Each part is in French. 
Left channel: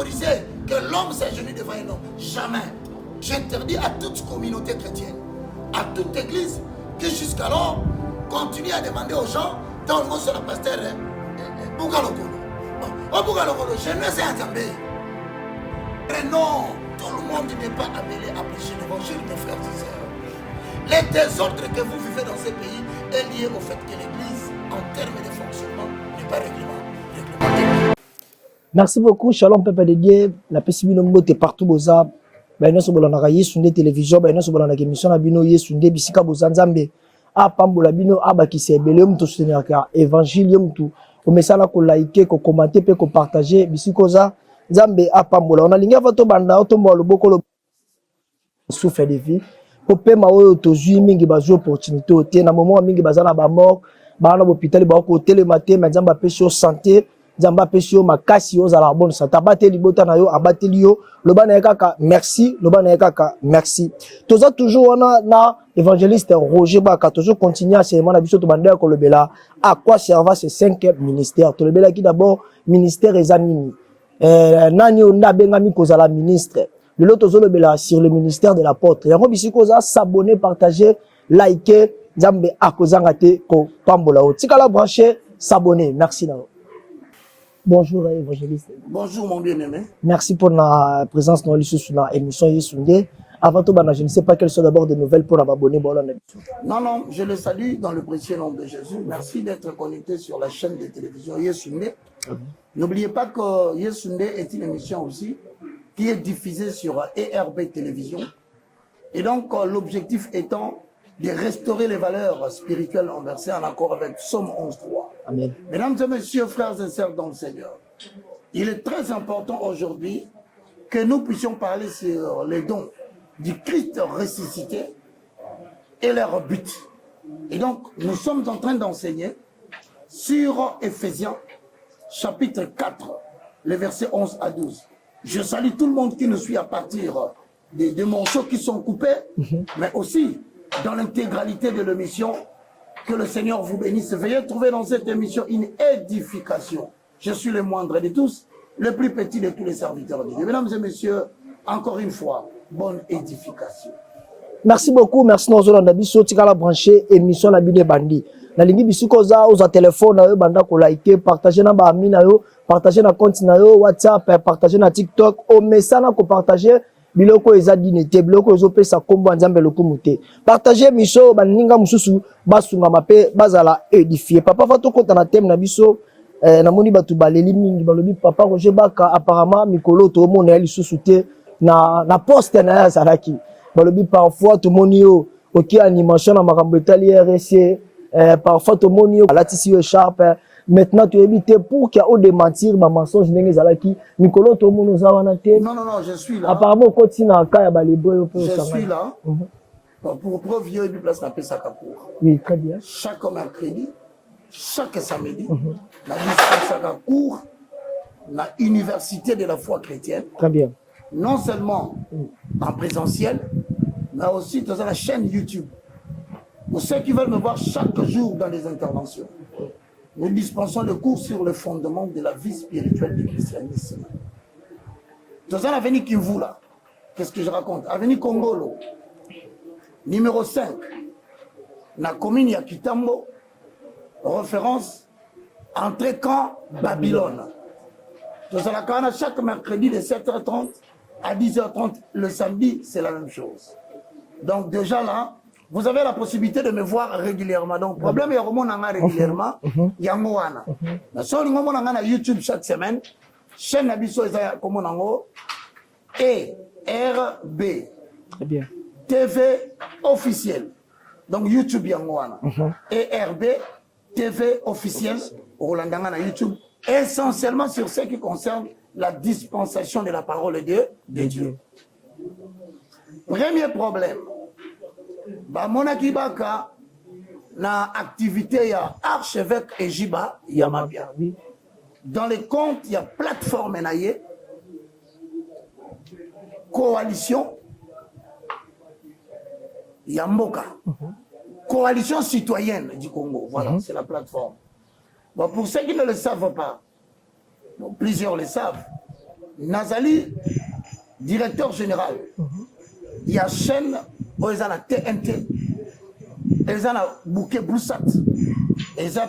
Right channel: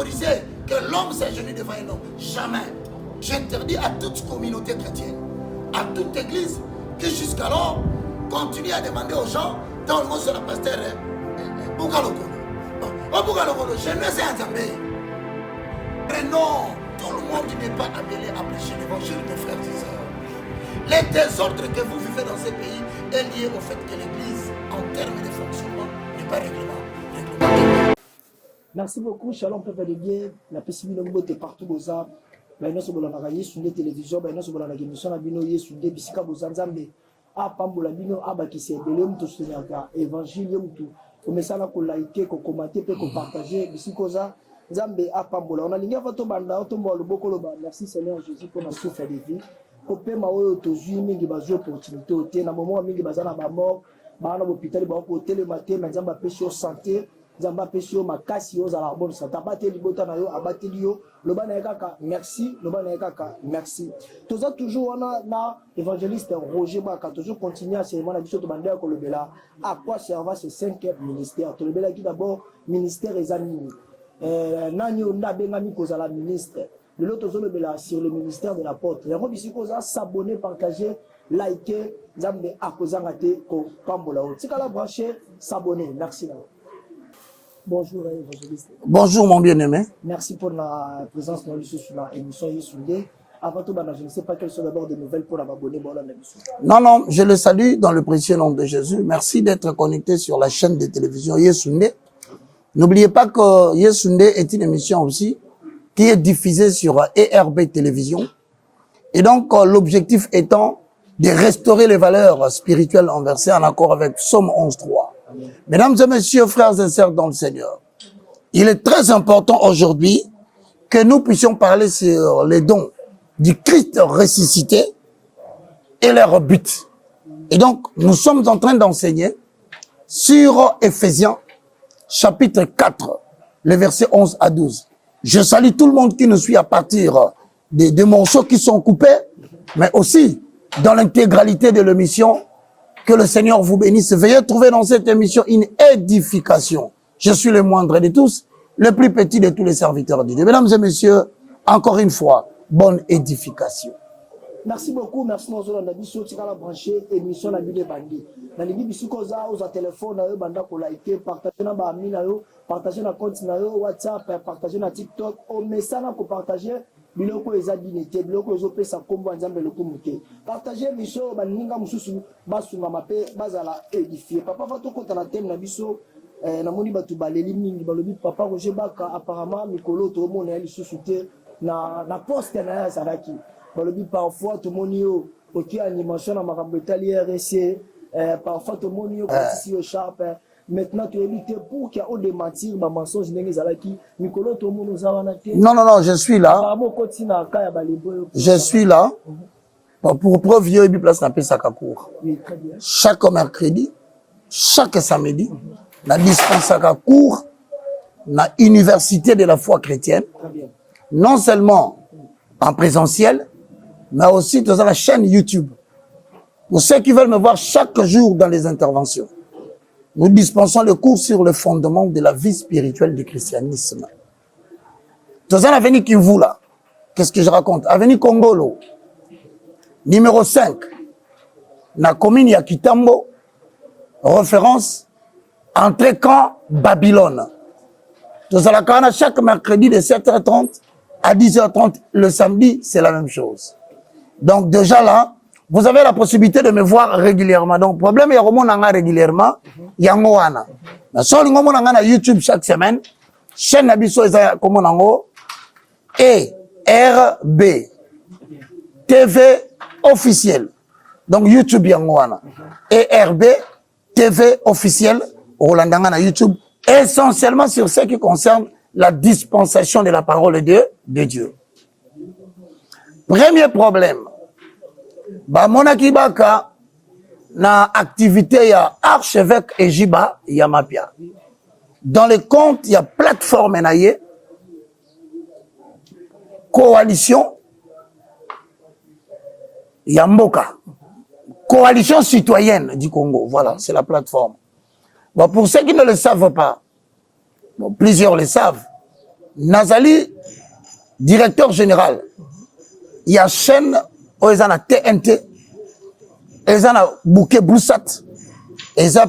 autoriser que l'homme s'agenouille devant un homme. Jamais. J'interdis à toute communauté chrétienne, à toute église, qui jusqu'alors continue à demander aux gens, dans le mot sur la pasteur, Bougalokolo. Oh Bougalokolo, je ne sais pas. Mais non, tout le monde n'est pas appelé à prêcher l'évangile, mes frères et sœurs. Les désordres que vous vivez dans ces pays est lié au fait que l'église, en termes de fonctionnement, n'est pas réglementée. Merci beaucoup, Shalom Peuple de Dieu. La pessimino mbote partout boza. Ben non sobola na kaye sunde télévision, ben non sobola na émission na bino ye sunde bisika boza nzambe. A pambola bino aba ki se belé mto soutenir ka évangile mto. O mesala ko liker, ko commenter pe ko partager bisiko za nzambe a pambola. On a linga vato banda to mbo loboko lo. Merci Seigneur Jésus pour la souffle de vie. Ko pema oyo tozui mingi bazo opportunité ote na moment mingi bazana ba mort, ba na hôpital ba ko télématé mais nzamba pesi santé. Nzamba pesi yo makasi yo za la bonne santé. Abateli bota na yo, abateli yo. Loba na kaka merci, loba na kaka merci. Toza toujours on na évangéliste Roger Baka toujours continuer à serment na biso to bandela ko lobela. À quoi servent ces 5 ministères? To lobela qui d'abord ministère ezanini. Nani on a bengami kozala ministre. Le lot tozo lobela sur le ministère de l'apôtre. Yango bisiko za s'abonner, partager, liker, nzambe akozanga te ko pambola o. Tika la brancher, s'abonner. Merci na. Bonjour évangéliste. Bonjour mon bien-aimé. Merci pour la présence dans l'émission Yesunde. Avant tout, je ne sais pas quelles sont d'abord des nouvelles pour abonner. Non, je le salue dans le précieux nom de Jésus. Merci d'être connecté sur la chaîne de télévision Yesunde. N'oubliez pas que Yesunde est une émission aussi qui est diffusée sur ERB Télévision. Et donc l'objectif étant de restaurer les valeurs spirituelles inversées en accord avec Psaume 11.3. Amen. Mesdames et messieurs, frères et sœurs dans le Seigneur, il est très important aujourd'hui que nous puissions parler sur les dons du Christ ressuscité et leur but. Et donc, nous sommes en train d'enseigner sur Éphésiens, chapitre 4, les versets 11 à 12. Je salue tout le monde qui nous suit à partir des morceaux qui sont coupés, mais aussi dans l'intégralité de l'émission. Que le Seigneur vous bénisse. Veuillez trouver dans cette émission une édification. Je suis le moindre de tous, le plus petit de tous les serviteurs de Dieu. Mesdames et messieurs, encore une fois, bonne édification. Merci beaucoup. Merci Nozolo Nabiso. Tikala branché émission la bine bandi. La ligne bisiko za aux téléphone na yo banda ko liker, partager na ba ami na yo, partager na compte na yo WhatsApp, partager na TikTok, au message na ko partager. Biloko eza dinete, biloko ezo pesa kombo nzambe lokumute. Partagez miso baninga mususu basunga mape bazala édifier. Papa fato konta na thème na biso na moni batu baleli mingi balobi papa Roger Baka apparemment mikolo to mona lisusu te na poste na ya salaki. Balobi parfois to moni yo oki animation na makambo etali RC parfois to moni yo latisi yo sharp. Maintenant, tu évites pour qu'il y ait des mensonges, des mensonges, Nicolas, tout le monde nous a dit. Non, je suis là. Apparemment, je suis là. Pour preuve, il y a une place dans Pesakakour. Oui, très bien. Chaque mercredi, chaque samedi, la Dispensacour, la Université de la foi chrétienne. Très bien. Non seulement en présentiel, mais aussi dans la chaîne YouTube. Pour ceux qui veulent me voir chaque jour dans les interventions. Nous dispensons le cours sur le fondement de la vie spirituelle du christianisme. Dans un avenir qui vous là, qu'est-ce que je raconte? Avenir Congolo, numéro 5, na commune Yakitambo, référence, entrée camp Babylone. Dans la Kana, chaque mercredi de 7h30 à 10h30, le samedi, c'est la même chose. Donc déjà là, vous avez la possibilité de me voir régulièrement. Donc, le problème, il y a régulièrement, il y a un si on a YouTube chaque semaine, chaîne Nabiso et ERB TV officiel. Donc, YouTube, il y a ERB TV officiel, Rolandanga na YouTube, essentiellement sur ce qui concerne la dispensation de la parole de Dieu. Premier problème. Monaki Baka na activité ya archevêque Ejiba Yamapia. Dans les comptes, il y a plateforme naye, coalition Yamboka, coalition citoyenne du Congo. Voilà, c'est la plateforme. Bon, pour ceux qui ne le savent pas, bon, plusieurs le savent. Nazali, directeur général, il y a chaîne où ils ont la TNT, ils ont la bouquet Bluesat, ils ont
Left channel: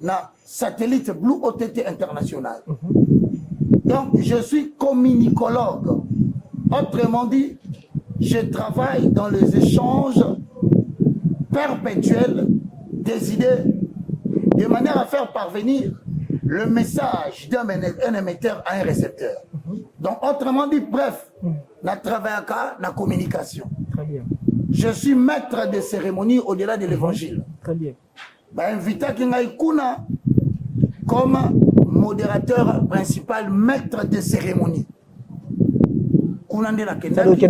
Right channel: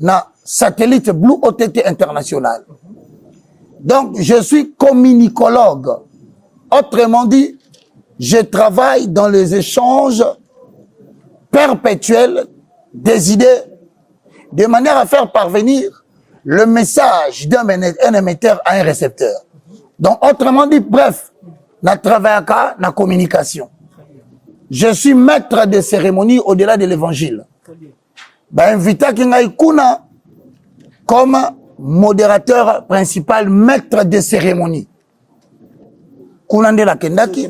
na satellite Blue OTT international. Donc, je suis communicologue. Autrement dit, je travaille dans les échanges perpétuels des idées de manière à faire parvenir le message d'un émetteur à un récepteur. Donc, autrement dit, bref, na travail à la communication. Je suis maître de cérémonie au-delà de l'évangile. Invité Kuna comme modérateur principal, maître de cérémonie. Kunande la Kendaki.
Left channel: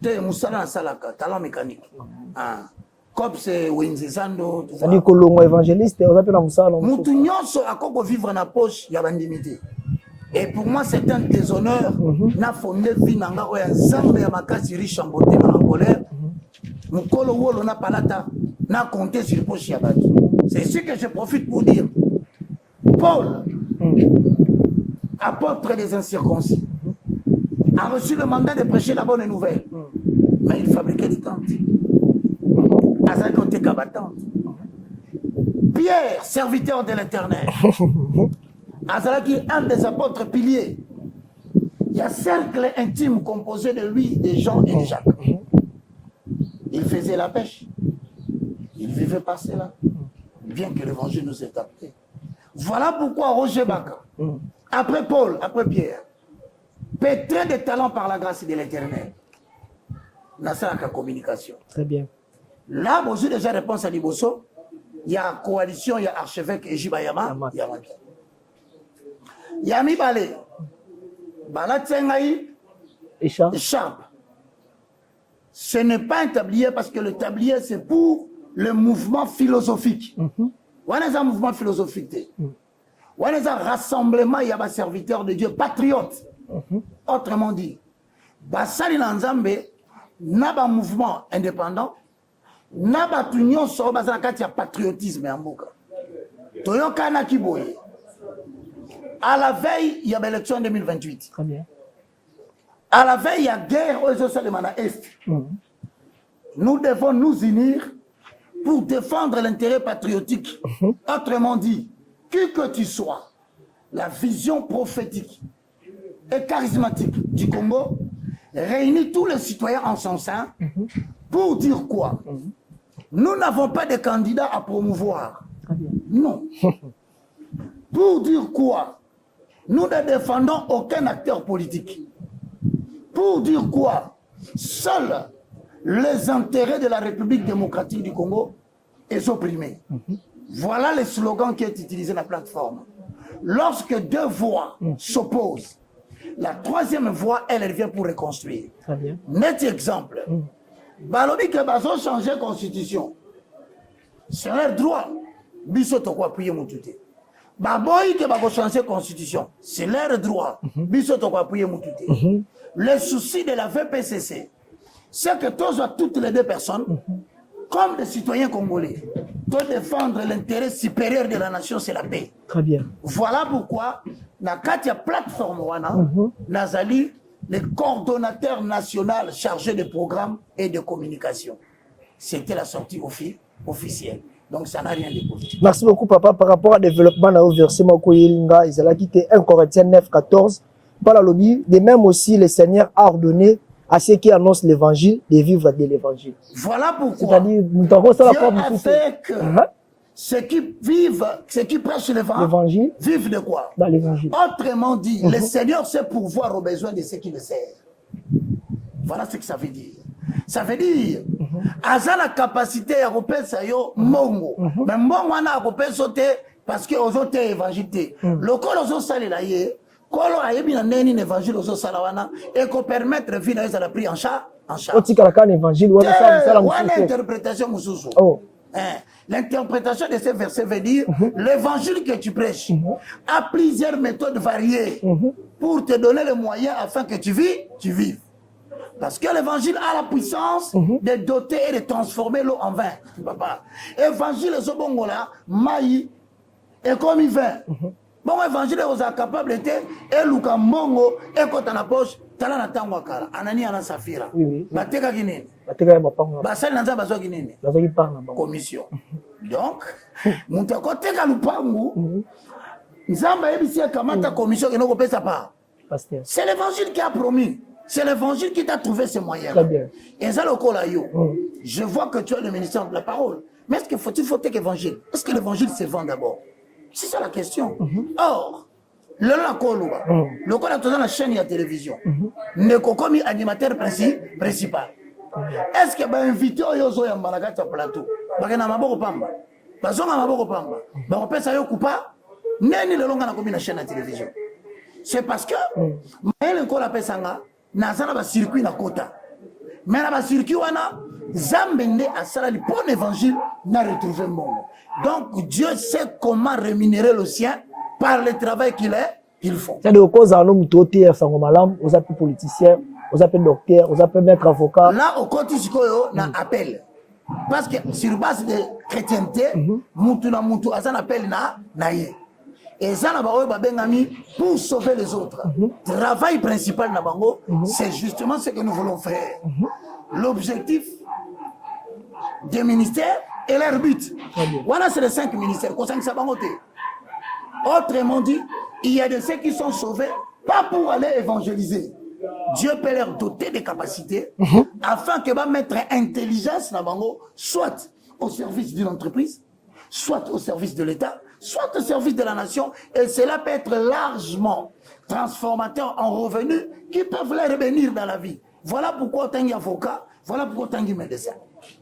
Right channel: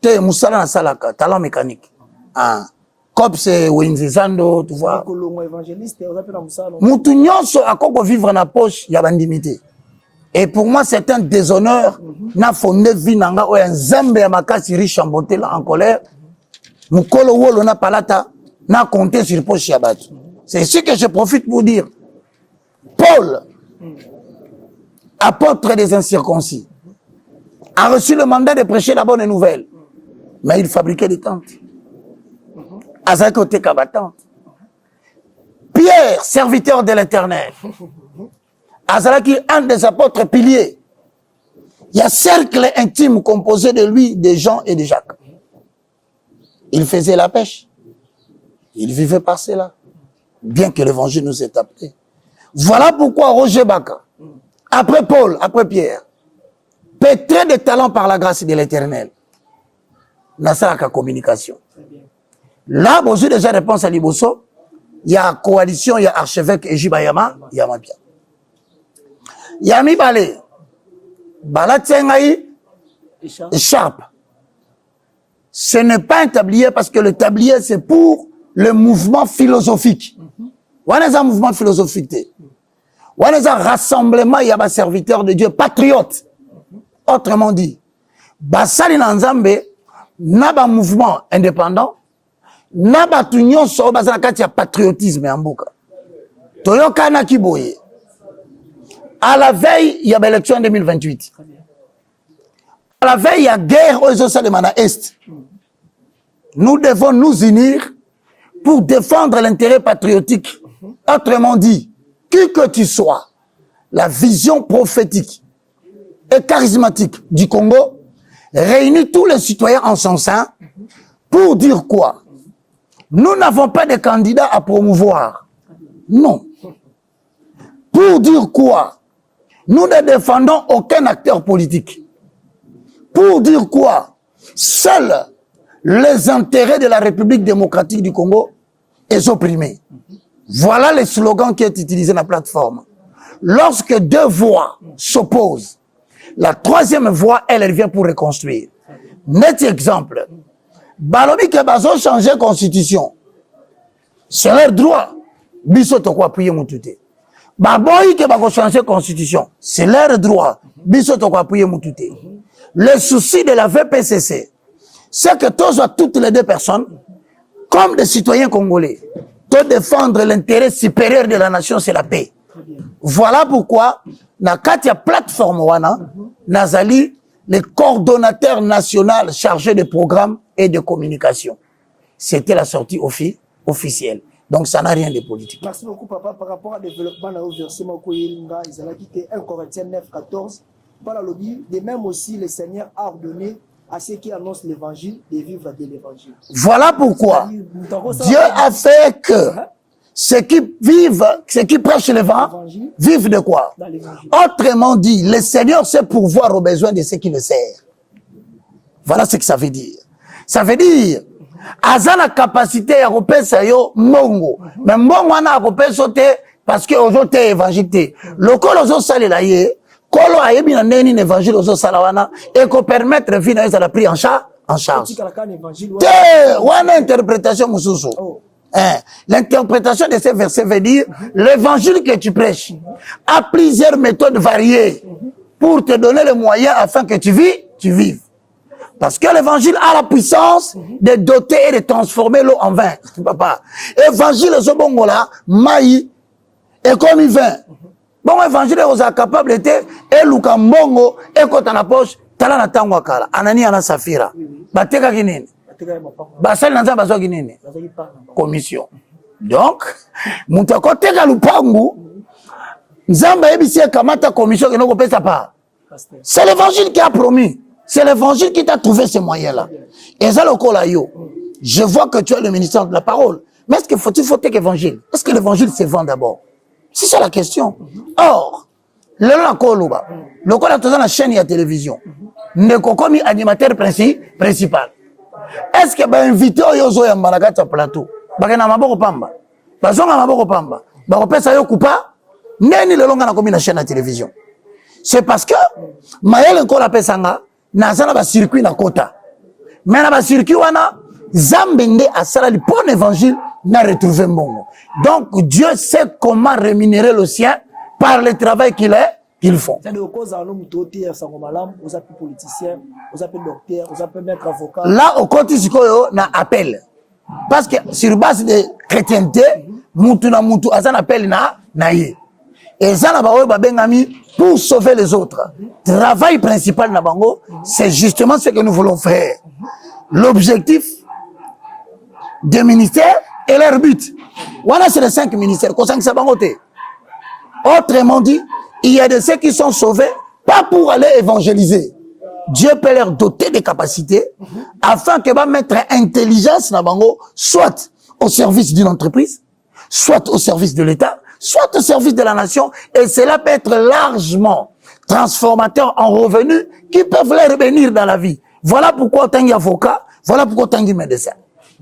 Te Moussala na Salaka, talent mécanique. Ah. Cop c'est Wenzizando, tu vois. Évangéliste, on appelle Moussala. Moutou nyonso a koko vivre na poche, ya bandimité. Et pour moi, c'est un déshonneur. Na fondé vinanga ou un zambe ya makasi riche en beauté en colère. Moukolo wolo na palata, na compté sur poche ya batu. C'est ce que je profite pour dire. Paul, apôtre des incirconcis, a reçu le mandat de prêcher la bonne nouvelle. Mais il fabriquait des tentes. Azakote Kabatante. Pierre, serviteur de l'Éternel. Azalaki, un des apôtres piliers. Il y a un cercle intime composé de lui, de Jean et de Jacques. Il faisait la pêche. Il vivait par cela. Bien que l'évangile nous ait appelé. Voilà pourquoi Roger Baka, après Paul, après Pierre, pétré de talent par la grâce de l'Éternel, n'a pas la communication. Très bien. Là, bon, j'ai déjà réponse à Liboso. Il y a coalition, il y a archevêque Ejibayama, il y a Mabia. Il y a Mibale. Bala Tsengaï, écharpe. Ce n'est pas un tablier parce que le tablier, c'est pour le mouvement philosophique. On a un mouvement philosophique. On a un rassemblement, il y a un serviteur de Dieu, patriote. Autrement dit, Basali Nanzambe, n'a pas un mouvement indépendant, n'a pas tout le monde qui a patriotisme en bouca. Toyoka na kiboye. À la veille, il y a l'élection en 2028. À la veille, il y a guerre aux États Est. Nous devons nous unir pour défendre l'intérêt patriotique. Autrement dit, qui que tu sois, la vision prophétique et charismatique du Congo réunit tous les citoyens en son sein pour dire quoi? Nous n'avons pas de candidats à promouvoir. Non. Pour dire quoi? Nous ne défendons aucun acteur politique. Pour dire quoi? Seuls les intérêts de la République démocratique du Congo est opprimé. Voilà le slogan qui est utilisé dans la plateforme. Lorsque deux voix s'opposent, la troisième voix, elle vient pour reconstruire. Net exemple. Balobi que bazo changer constitution. C'est leur droit. Biso to ko appuyer mutute. Baboyi que bazo changer constitution. C'est leur droit. Biso to ko appuyer mutute. Le souci de la VPCC, c'est que toutes les deux personnes, comme des citoyens congolais, de défendre l'intérêt supérieur de la nation, c'est la paix. Très bien. Voilà pourquoi, na katia plateforme wana, Nazali, le coordonnateur national chargé de programmes et de communication. C'était la sortie officielle. Donc ça n'a rien de politique. Merci beaucoup, papa. Par rapport au développement, au versement Koyelinga, ils ont quitté 1 Corinthiens 9, 14. Par la lobby, de même aussi, le Seigneur a ordonné à ceux qui annoncent l'évangile de vivre de l'évangile. Voilà pourquoi Dieu a fait que ceux qui prêchent l'évangile vivent de quoi? Autrement dit, le Seigneur sait pourvoir aux besoins de ceux qui le servent. Voilà ce que ça veut dire. Ça veut dire, Aza la capacité à repérer yo mongo. Mais mongo na repérer sauter parce que aujourd'hui évangile. Le col aux salé la yé. Kolo ayebi na neni évangile aux salawana et qu'on permettre vie na la pris en charge. Wana interprétation mususu. L'interprétation de ces versets veut dire l'évangile que tu prêches a plusieurs méthodes variées pour te donner les moyens afin que tu vives. Parce que l'évangile a la puissance de doter et de transformer l'eau en vin. Papa, évangile ce bongo là, maï, et comme il vin. Bon, évangile est capable de et Luka Mbongo et quand on a poche, tala na tango akala. Anani ana safira. Bateka kinini. Basali nanza bazwa kinini. Commission. Donc, mutu akoteka lupangu, Nzamba ebisi kamata commission que nous pesa pas. C'est l'évangile qui a promis. C'est l'évangile qui t'a trouvé ces moyens-là. Et ça, le col yo. Je vois que tu es le ministère de la parole. Mais est-ce qu'il faut évangile? Est-ce que l'évangile se vend d'abord? C'est ça la question. Or, le col a toujours la chaîne et la télévision. Ne comme animateur principal. Est-ce que ben invité au yozo ya malagata plateau? Bagana maboko pamba. Bazonga maboko pamba. Bakopesa yo kupa. Neni le longa na comme la chaîne à télévision. C'est parce que Maël encore appelle sanga nazana ba circuit na kota. Mais na ba circuit wana Zambende a sala le bon évangile n'a retrouvé Mbongo. Donc Dieu sait comment rémunérer le sien par le travail qu'ils font. C'est de cause en homme toté sango malam, aux appels politiciens, aux appels docteurs, aux appels maîtres avocats. Là au côté sikoyo na appel. Parce que sur base de chrétienté, mutu na mutu azana appel na ye. Et ça na bawe babengami pour sauver les autres. Travail principal na bango, c'est justement ce que nous voulons faire. L'objectif des ministères et leur but. Voilà, c'est les 5 ministères. Autrement dit, il y a de ceux qui sont sauvés, pas pour aller évangéliser. Dieu peut leur doter des capacités afin que va mettre intelligence na bango, soit au service d'une entreprise, soit au service de l'État, soit au service de la nation, et cela peut être largement transformateur en revenus qui peuvent leur bénir dans la vie. Voilà pourquoi autant y avocat, voilà pourquoi autant y médecin.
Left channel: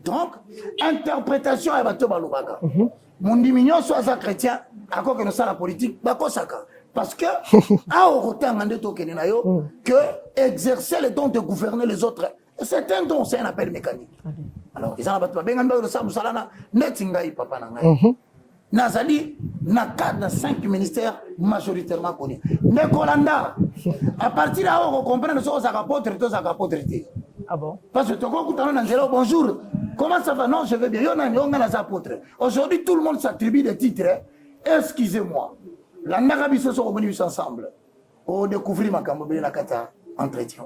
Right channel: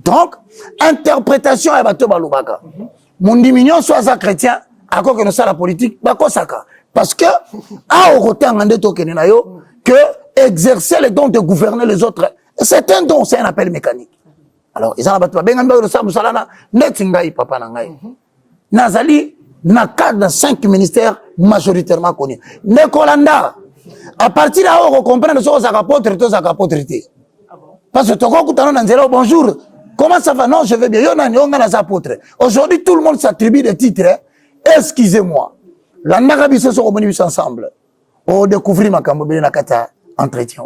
Donc, interprétation est bateau balubaka. Mon diminution soit chrétien, à quoi que nous sommes la politique, parce que, à autant que exercer le don de gouverner les autres, c'est un don, c'est un appel mécanique. Alors, ils ont Nazali, na cadre de 5 ministères majoritairement connus. Nekolanda, à partir de là, on comprend que c'est un apôtre. Ah bon? Parce que tu as bonjour, comment ça va? Non, je vais bien. Aujourd'hui, tout le monde s'attribue des titres. Excusez-moi. La Nagabiso sont revenus ensemble. On découvre ma cambobé na kata entretien.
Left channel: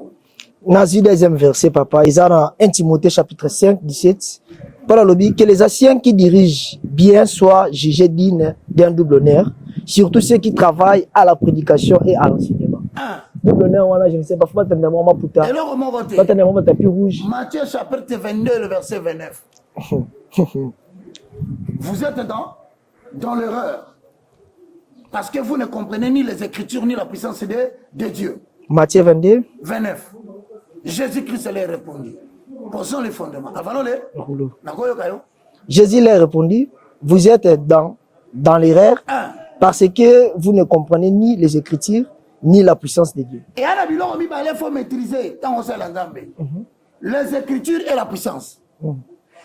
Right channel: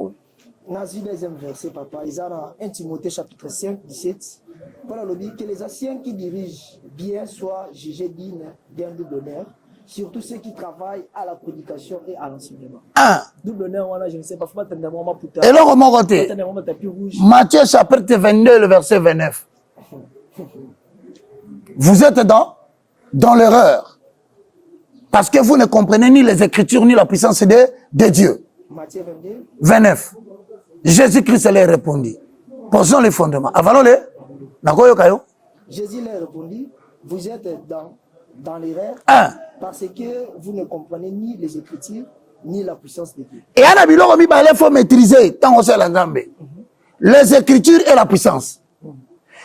Nazi deuxième verset, papa. Ils ont 1 Timothée chapitre 5, 17. Par le lobby, que les anciens qui dirigent bien soient jugés dignes d'un double honneur, surtout ceux qui travaillent à la prédication et à l'enseignement. Double honneur, voilà, je ne sais pas, faut attendre un moment plus tard. Et là, comment voter? Attendre un moment tapis rouge. Matthieu chapitre 22, le verset 29. Vous êtes dans l'erreur. Parce que vous ne comprenez ni les Écritures, ni la puissance de Dieu. Matthieu 22. 29. Jésus-Christ leur répondit. Posons les fondements. Avalons-les. Jésus leur répondit, vous êtes dans l'erreur parce que vous ne comprenez ni les Écritures, ni la puissance de Dieu. Et il faut maîtriser tant que les Écritures et la puissance.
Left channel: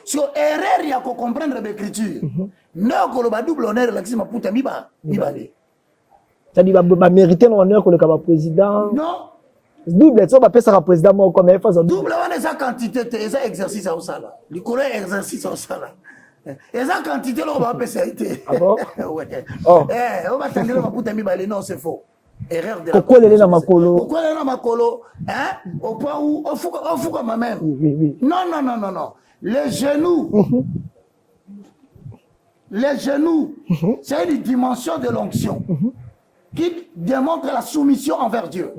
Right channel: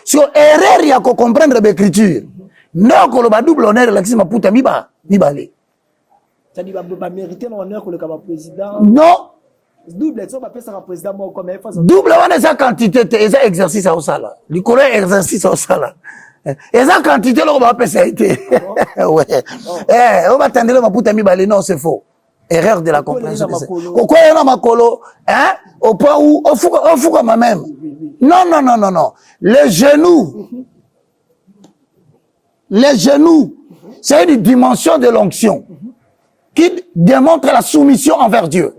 Sur erreur, il y a qu'à comprendre les Écritures. Non, que le double honneur, l'axime puta mibale. Ça dit, va mériter l'honneur que le président. Non. Double, ça va passer à président moi comme double, on a sa quantité, et ça exercice au sala. Le collègue exercice au sala. Et ça quantité, on va passer à été. Ouais. On va attendre le maputa mibale, non, c'est faux. Erreur de la compréhension. Pourquoi il y a un makolo? Hein? Au point où, au fou comme même. Non. Les genoux, c'est une dimension de l'onction qui démontre la soumission envers Dieu.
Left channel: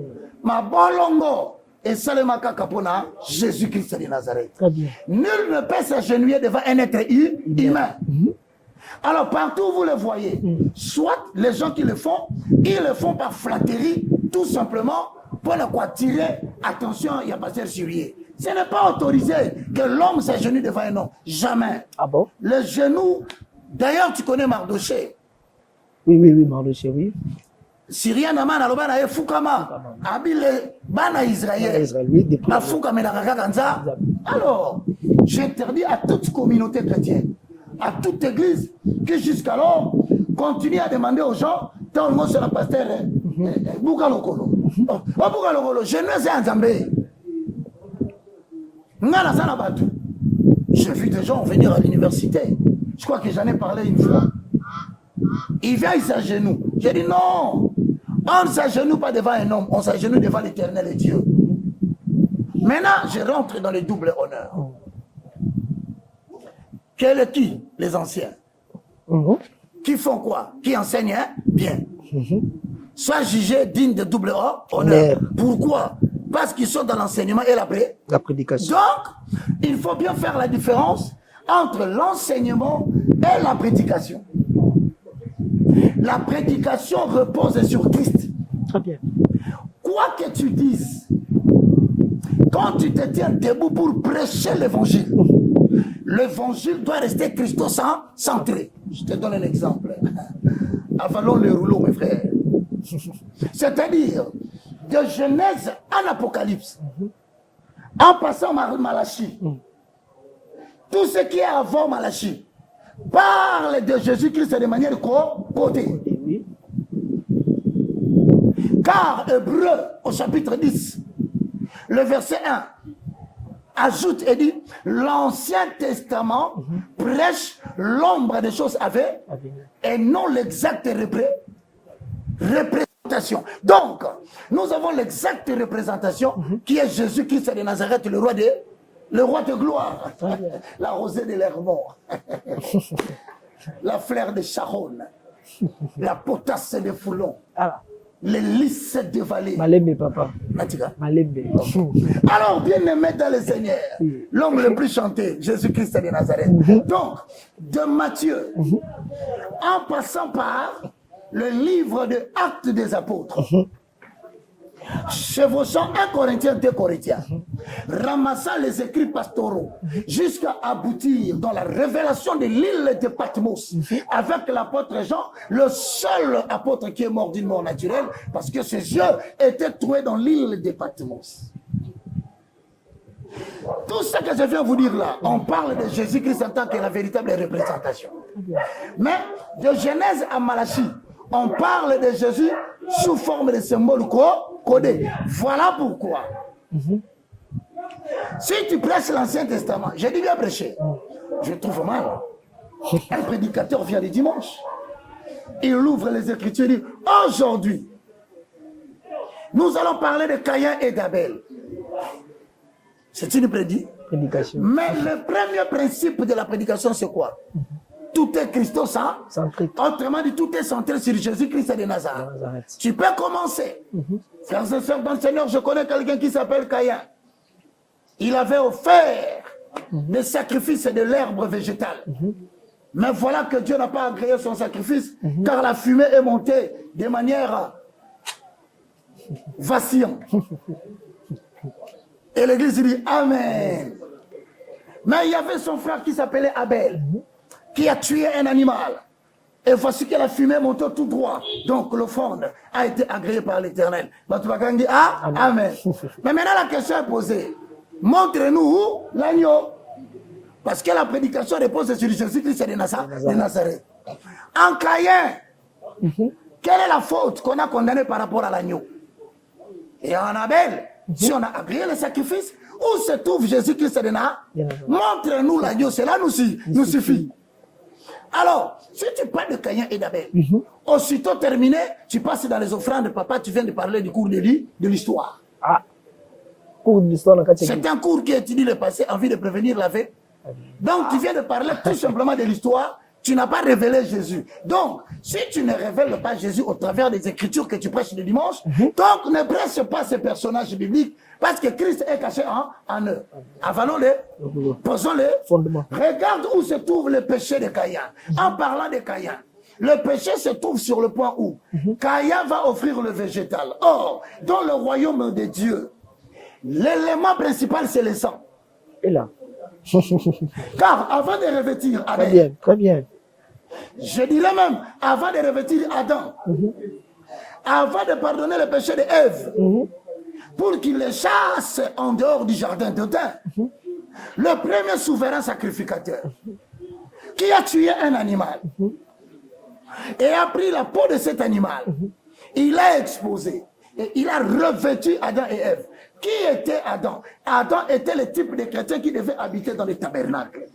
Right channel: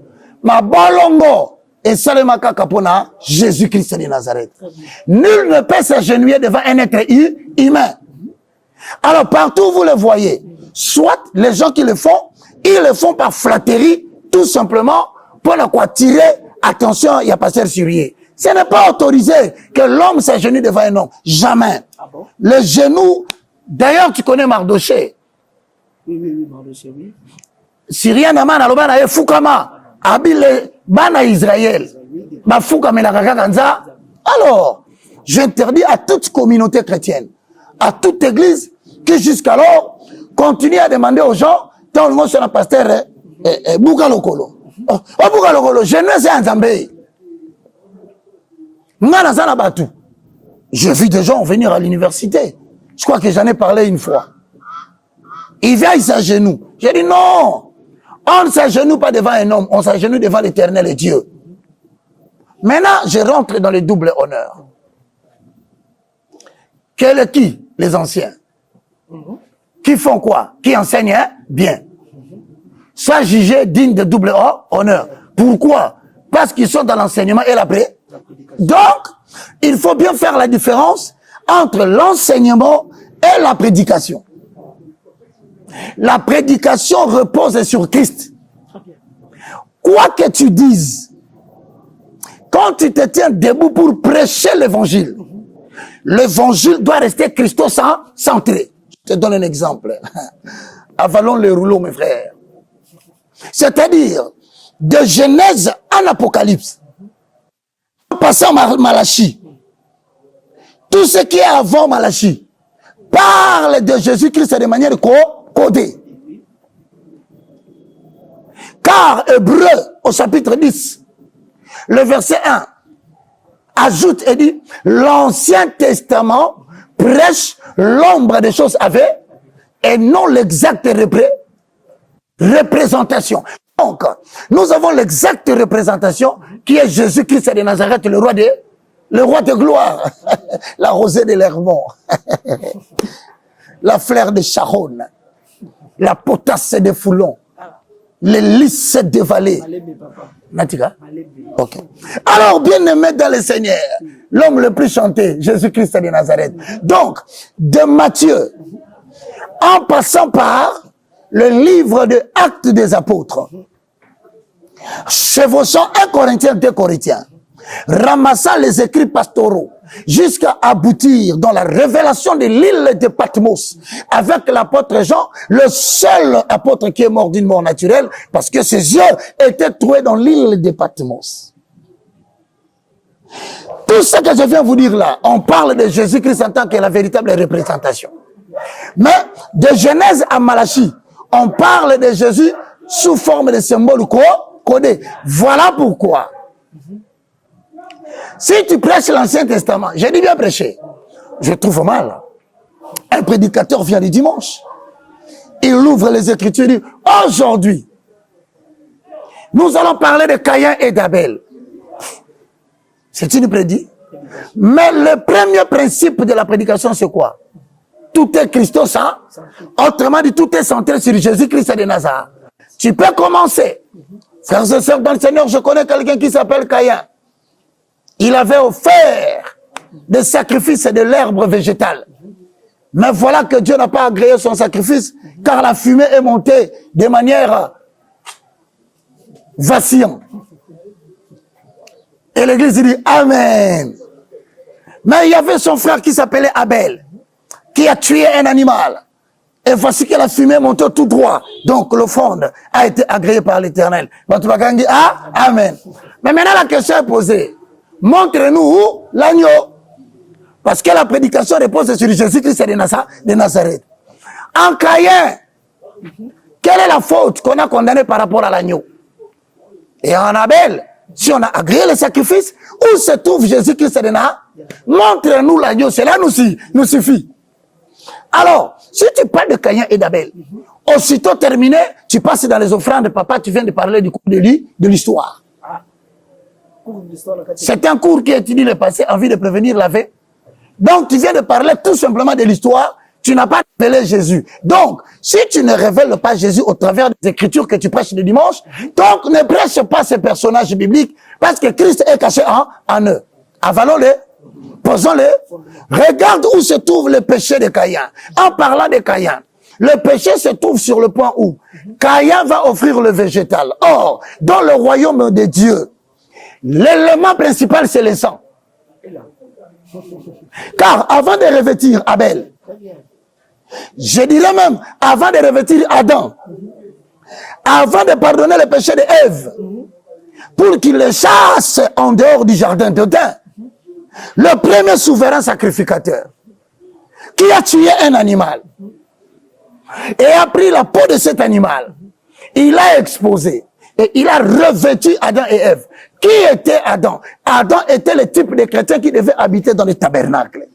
Ma bolongo et salemaka kapona Jésus-Christ de Nazareth. Nul ne peut s'agenouiller devant un être humain. Alors partout où vous le voyez, soit les gens qui le font, ils le font par flatterie, tout simplement pour ne quoi tirer attention, il y a pas sérieux. Ce n'est pas autorisé que l'homme s'agenouille devant un homme. Jamais. Ah bon? Les genoux, d'ailleurs tu connais Mardoché. Oui, Mardoché, oui. Syrien Naman alobana e fukama abile bana Israël ba fukama la kaka. Alors j'interdis à toute communauté chrétienne, à toute église qui jusqu'alors continue à demander aux gens tant le mot sur la pasteur Bouka Lokolo. Bouka Lokolo, je ne sais Nzambe. Ngana sana batu. J'ai vu des gens venir à l'université. Je crois que j'en ai parlé une fois. Il vient, il s'agenouille. J'ai dit non. On ne s'agenouille pas devant un homme, on s'agenouille devant l'Éternel et Dieu. Maintenant, je rentre dans le double honneur. Qui? Les anciens. Qui font quoi? Qui enseignent bien. Soient jugés dignes de double honneur. Pourquoi? Parce qu'ils sont dans l'enseignement et la prédication. Donc, il faut bien faire la différence entre l'enseignement et la prédication. La prédication repose sur Christ. Très bien. Quoi que tu dises, quand tu te tiens debout pour prêcher l'évangile doit rester Christo-centré. Je te donne un exemple. Avalons les rouleaux, mes frères. C'est-à-dire, de Genèse en Apocalypse, en passant Malachie, tout ce qui est avant Malachie parle de Jésus-Christ de manière codée. Car Hébreu, au chapitre 10, le verset 1, ajoute et dit, l'Ancien Testament prêche l'ombre des choses à venir et non l'exacte représentation. Donc, nous avons l'exacte représentation qui est Jésus-Christ de Nazareth, le roi de gloire, la rosée de l'Hermont, la fleur de Sharon, la potasse de Foulon, les lys de vallée. Malembe, papa. Natika? Malembe. Okay. Alors, bien aimé dans le Seigneur, l'homme le plus chanté, Jésus-Christ de Nazareth. Donc, de Matthieu, en passant par le livre de Actes des Apôtres, chevauchant 1 Corinthiens, 2 Corinthiens, ramassant les écrits pastoraux, jusqu'à aboutir dans la révélation de l'île de Patmos, avec l'apôtre Jean, le seul apôtre qui est mort d'une mort naturelle, parce que ses yeux étaient troués dans l'île de Patmos. Tout ce que je viens vous dire là, on parle de Jésus-Christ en tant que la véritable représentation. Mais de Genèse à Malachie, on parle de Jésus sous forme de symbole codé. Voilà pourquoi. Si tu prêches l'Ancien Testament, j'ai dit bien prêcher, je trouve mal. Un prédicateur vient le dimanche, il ouvre les Écritures et dit, aujourd'hui, nous allons parler de Caïn et d'Abel. C'est une prédication. Mais le premier principe de la prédication, c'est quoi? Tout est Christos, hein? Autrement dit, tout est centré sur Jésus-Christ de Nazareth. Tu peux commencer. Frères et sœurs dans le Seigneur, je connais quelqu'un qui s'appelle Caïn. Il avait offert des sacrifices de l'herbe végétale. Mais voilà que Dieu n'a pas agréé son sacrifice, car la fumée est montée de manière vacillante. Et l'église dit Amen. Mais il y avait son frère qui s'appelait Abel, qui a tué un animal. Et voici que la fumée montait tout droit. Donc l'offrande a été agréée par l'Éternel. Amen. Amen. Mais maintenant la question est posée. Montre-nous l'agneau. Parce que la prédication repose sur Jésus-Christ de Nazareth. En Caïn, quelle est la faute qu'on a condamnée par rapport à l'agneau? Et en Abel, si on a agréé le sacrifice, où se trouve Jésus-Christ de Nazareth? Montre-nous l'agneau, cela nous suffit. Alors, si tu parles de Caïn et d'Abel, aussitôt terminé, tu passes dans les offrandes, papa, tu viens de parler du cours de l'histoire. C'est un cours qui étudie le passé en vue de prévenir la veille. Donc, tu viens de parler tout simplement de l'histoire, tu n'as pas révélé Jésus. Donc, si tu ne révèles pas Jésus au travers des écritures que tu prêches le dimanche, donc ne prêche pas ces personnages bibliques, parce que Christ est caché en eux. Avalons-les, posons-les. Regarde où se trouve le péché de Caïn. En parlant de Caïn, le péché se trouve sur le point où Caïn va offrir le végétal. Or, dans le royaume de Dieu, l'élément principal, c'est le sang. Et là. Car avant de revêtir Abel, Très bien. Je dirais même, avant de revêtir Adam, avant de pardonner le péché d'Ève, pour qu'il les chasse en dehors du jardin d'Éden, le premier souverain sacrificateur, qui a tué un animal, et a pris la peau de cet animal, il a exposé, et il a revêtu Adam et Ève. Qui était Adam? Adam était le type de chrétien qui devait habiter dans les tabernacles.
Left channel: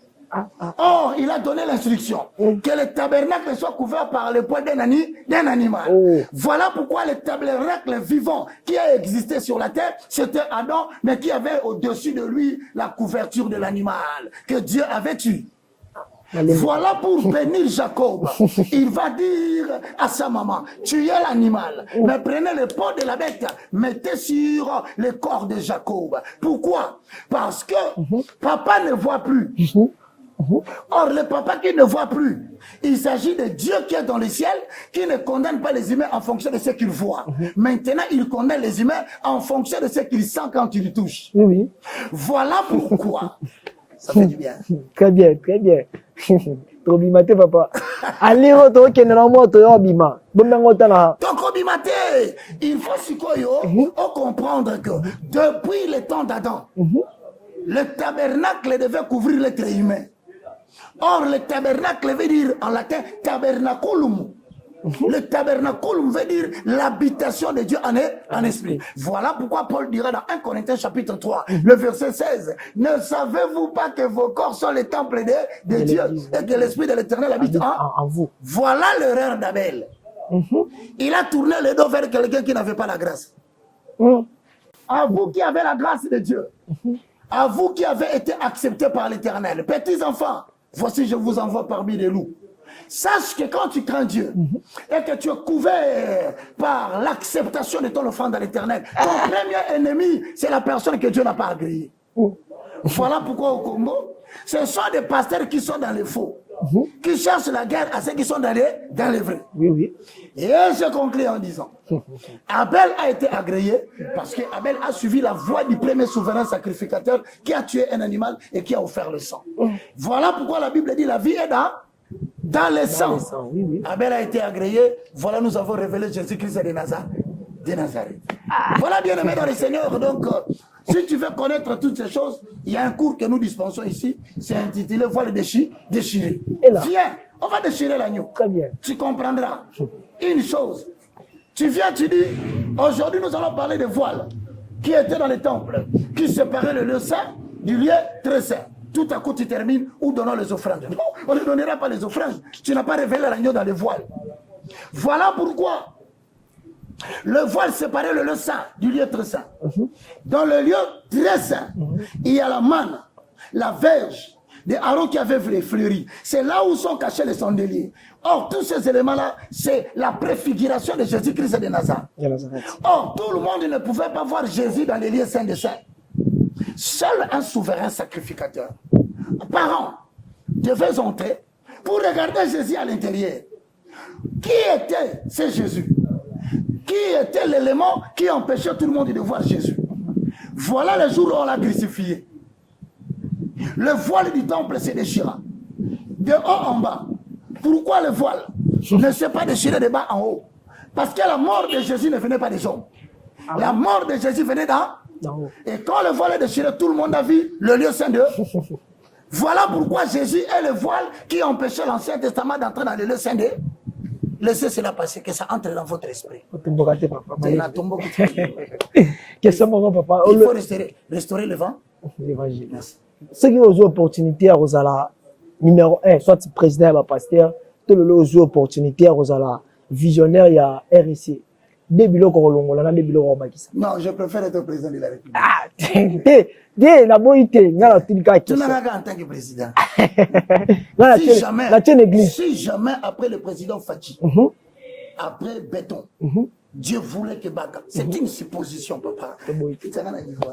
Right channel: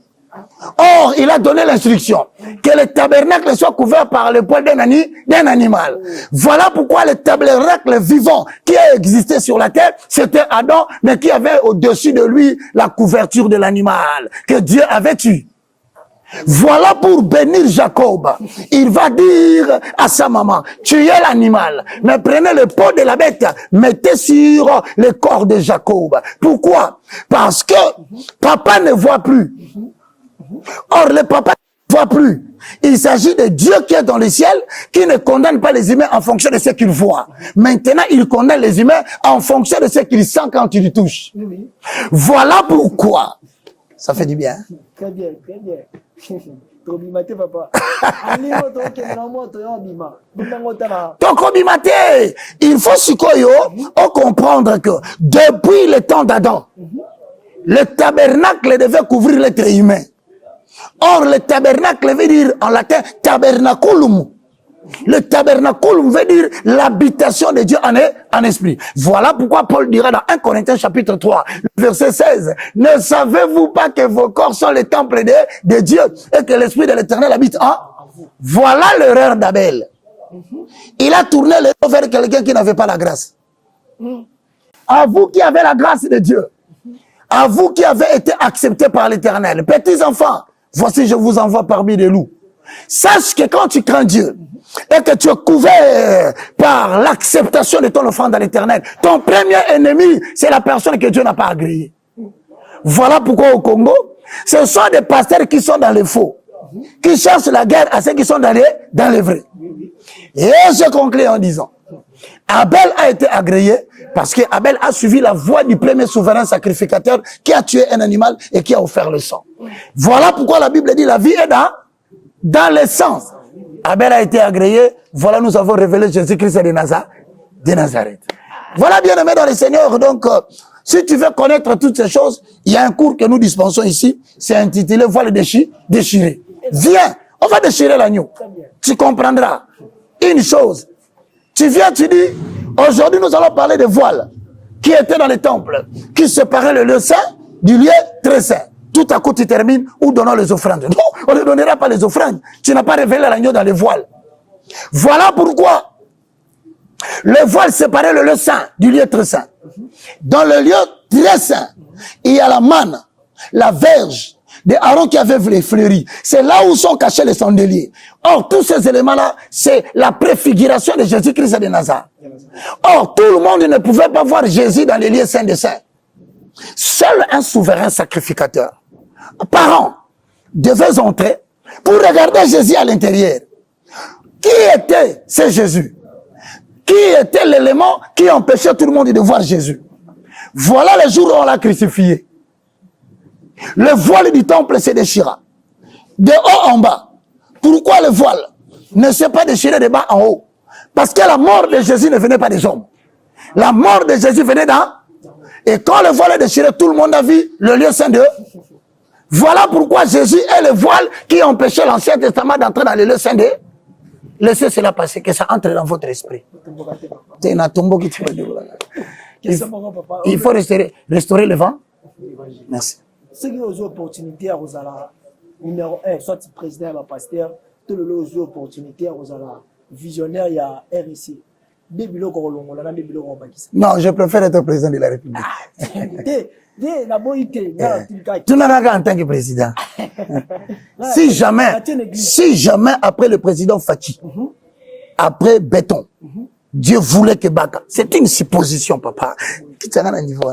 Or, il a donné l'instruction que le tabernacle soit couvert par le poil d'un animal. Voilà pourquoi le tabernacle vivant qui a existé sur la terre, c'était Adam, mais qui avait au-dessus de lui la couverture de l'animal que Dieu avait tué. Voilà pour bénir Jacob. Il va dire à sa maman, tuez l'animal, mais prenez le pot de la bête, mettez sur le corps de Jacob. Pourquoi? Parce que papa ne voit plus. Or, le papa qui ne voit plus, il s'agit de Dieu qui est dans le ciel, qui ne condamne pas les humains en fonction de ce qu'il voit. Maintenant, il condamne les humains en fonction de ce qu'il sent quand il touche. Voilà pourquoi. Ça fait du bien. Très bien, très bien. Trop bimate, papa. Allez, il faut comprendre que depuis le temps d'Adam, le tabernacle devait couvrir l'être humain. Or, le tabernacle veut dire en latin tabernaculum. Le tabernaculum veut dire l'habitation de Dieu en esprit. Voilà pourquoi Paul dira dans 1 Corinthiens chapitre 3, le verset 16, ne savez-vous pas que vos corps sont le temple de Dieu et que l'esprit de l'Éternel habite en vous. Voilà l'erreur d'Abel. Il a tourné le dos vers quelqu'un qui n'avait pas la grâce. À vous qui avez la grâce de Dieu, à vous qui avez été acceptés par l'Éternel, petits enfants, voici je vous envoie parmi les loups. Sache que quand tu crains Dieu et que tu es couvert par l'acceptation de ton offrande à l'Éternel, ton premier ennemi, c'est la personne que Dieu n'a pas agréée. Voilà pourquoi au Congo, ce sont des pasteurs qui sont dans les faux, qui cherchent la guerre à ceux qui sont dans les vrais. Et je conclue en disant, Abel a été agréé parce que Abel a suivi la voie du premier souverain sacrificateur qui a tué un animal et qui a offert le sang. Voilà pourquoi la Bible dit la vie est dans le sang. Abel a été agréé. Voilà, nous avons révélé Jésus-Christ de Nazareth. Voilà, bien aimé dans le Seigneur. Donc, si tu veux connaître toutes ces choses, il y a un cours que nous dispensons ici. C'est intitulé Voile déchiré. Viens, on va déchirer l'agneau. Tu comprendras une chose. Tu viens, tu dis, aujourd'hui nous allons parler de voiles qui étaient dans les temples, qui séparaient le lieu saint du lieu très saint. Tout à coup, tu termines ou donnons les offrandes. Non, on ne donnera pas les offrandes. Tu n'as pas révélé l'agneau dans les voiles. Voilà pourquoi le voile séparait le lieu saint du lieu très saint. Dans le lieu très saint, il y a la manne, la verge de Aaron qui avait les fleuris. C'est là où sont cachés les chandeliers. Or, tous ces éléments-là, c'est la préfiguration de Jésus-Christ de Nazareth. Or, tout le monde ne pouvait pas voir Jésus dans les lieux saints des saints. Seul un souverain sacrificateur, par an, devait entrer pour regarder Jésus à l'intérieur. Qui était ce Jésus? Qui était l'élément qui empêchait tout le monde de voir Jésus? Voilà le jour où on l'a crucifié. Le voile du temple s'est déchiré. De haut en bas. Pourquoi le voile ne s'est pas déchiré de bas en haut? Parce que la mort de Jésus ne venait pas des hommes. La mort de Jésus venait d'en. Et quand le voile est déchiré, tout le monde a vu le lieu saint de. Voilà pourquoi Jésus est le voile qui empêchait l'Ancien Testament d'entrer dans le lieu saint de. Laissez cela passer, que ça entre dans votre esprit. Il faut restaurer le vent. Merci. Ceux qui ont eu l'opportunité à Rosala, numéro 1, soit président et pasteur, tout le monde a eu l'opportunité à Rosala, visionnaire, il y a RSC. Non, je préfère être président de la République. Tu n'as rien en tant que président. Si jamais après le président Fachi, après Béton, Dieu voulait que Baka. C'est une supposition, papa. Tu as un niveau.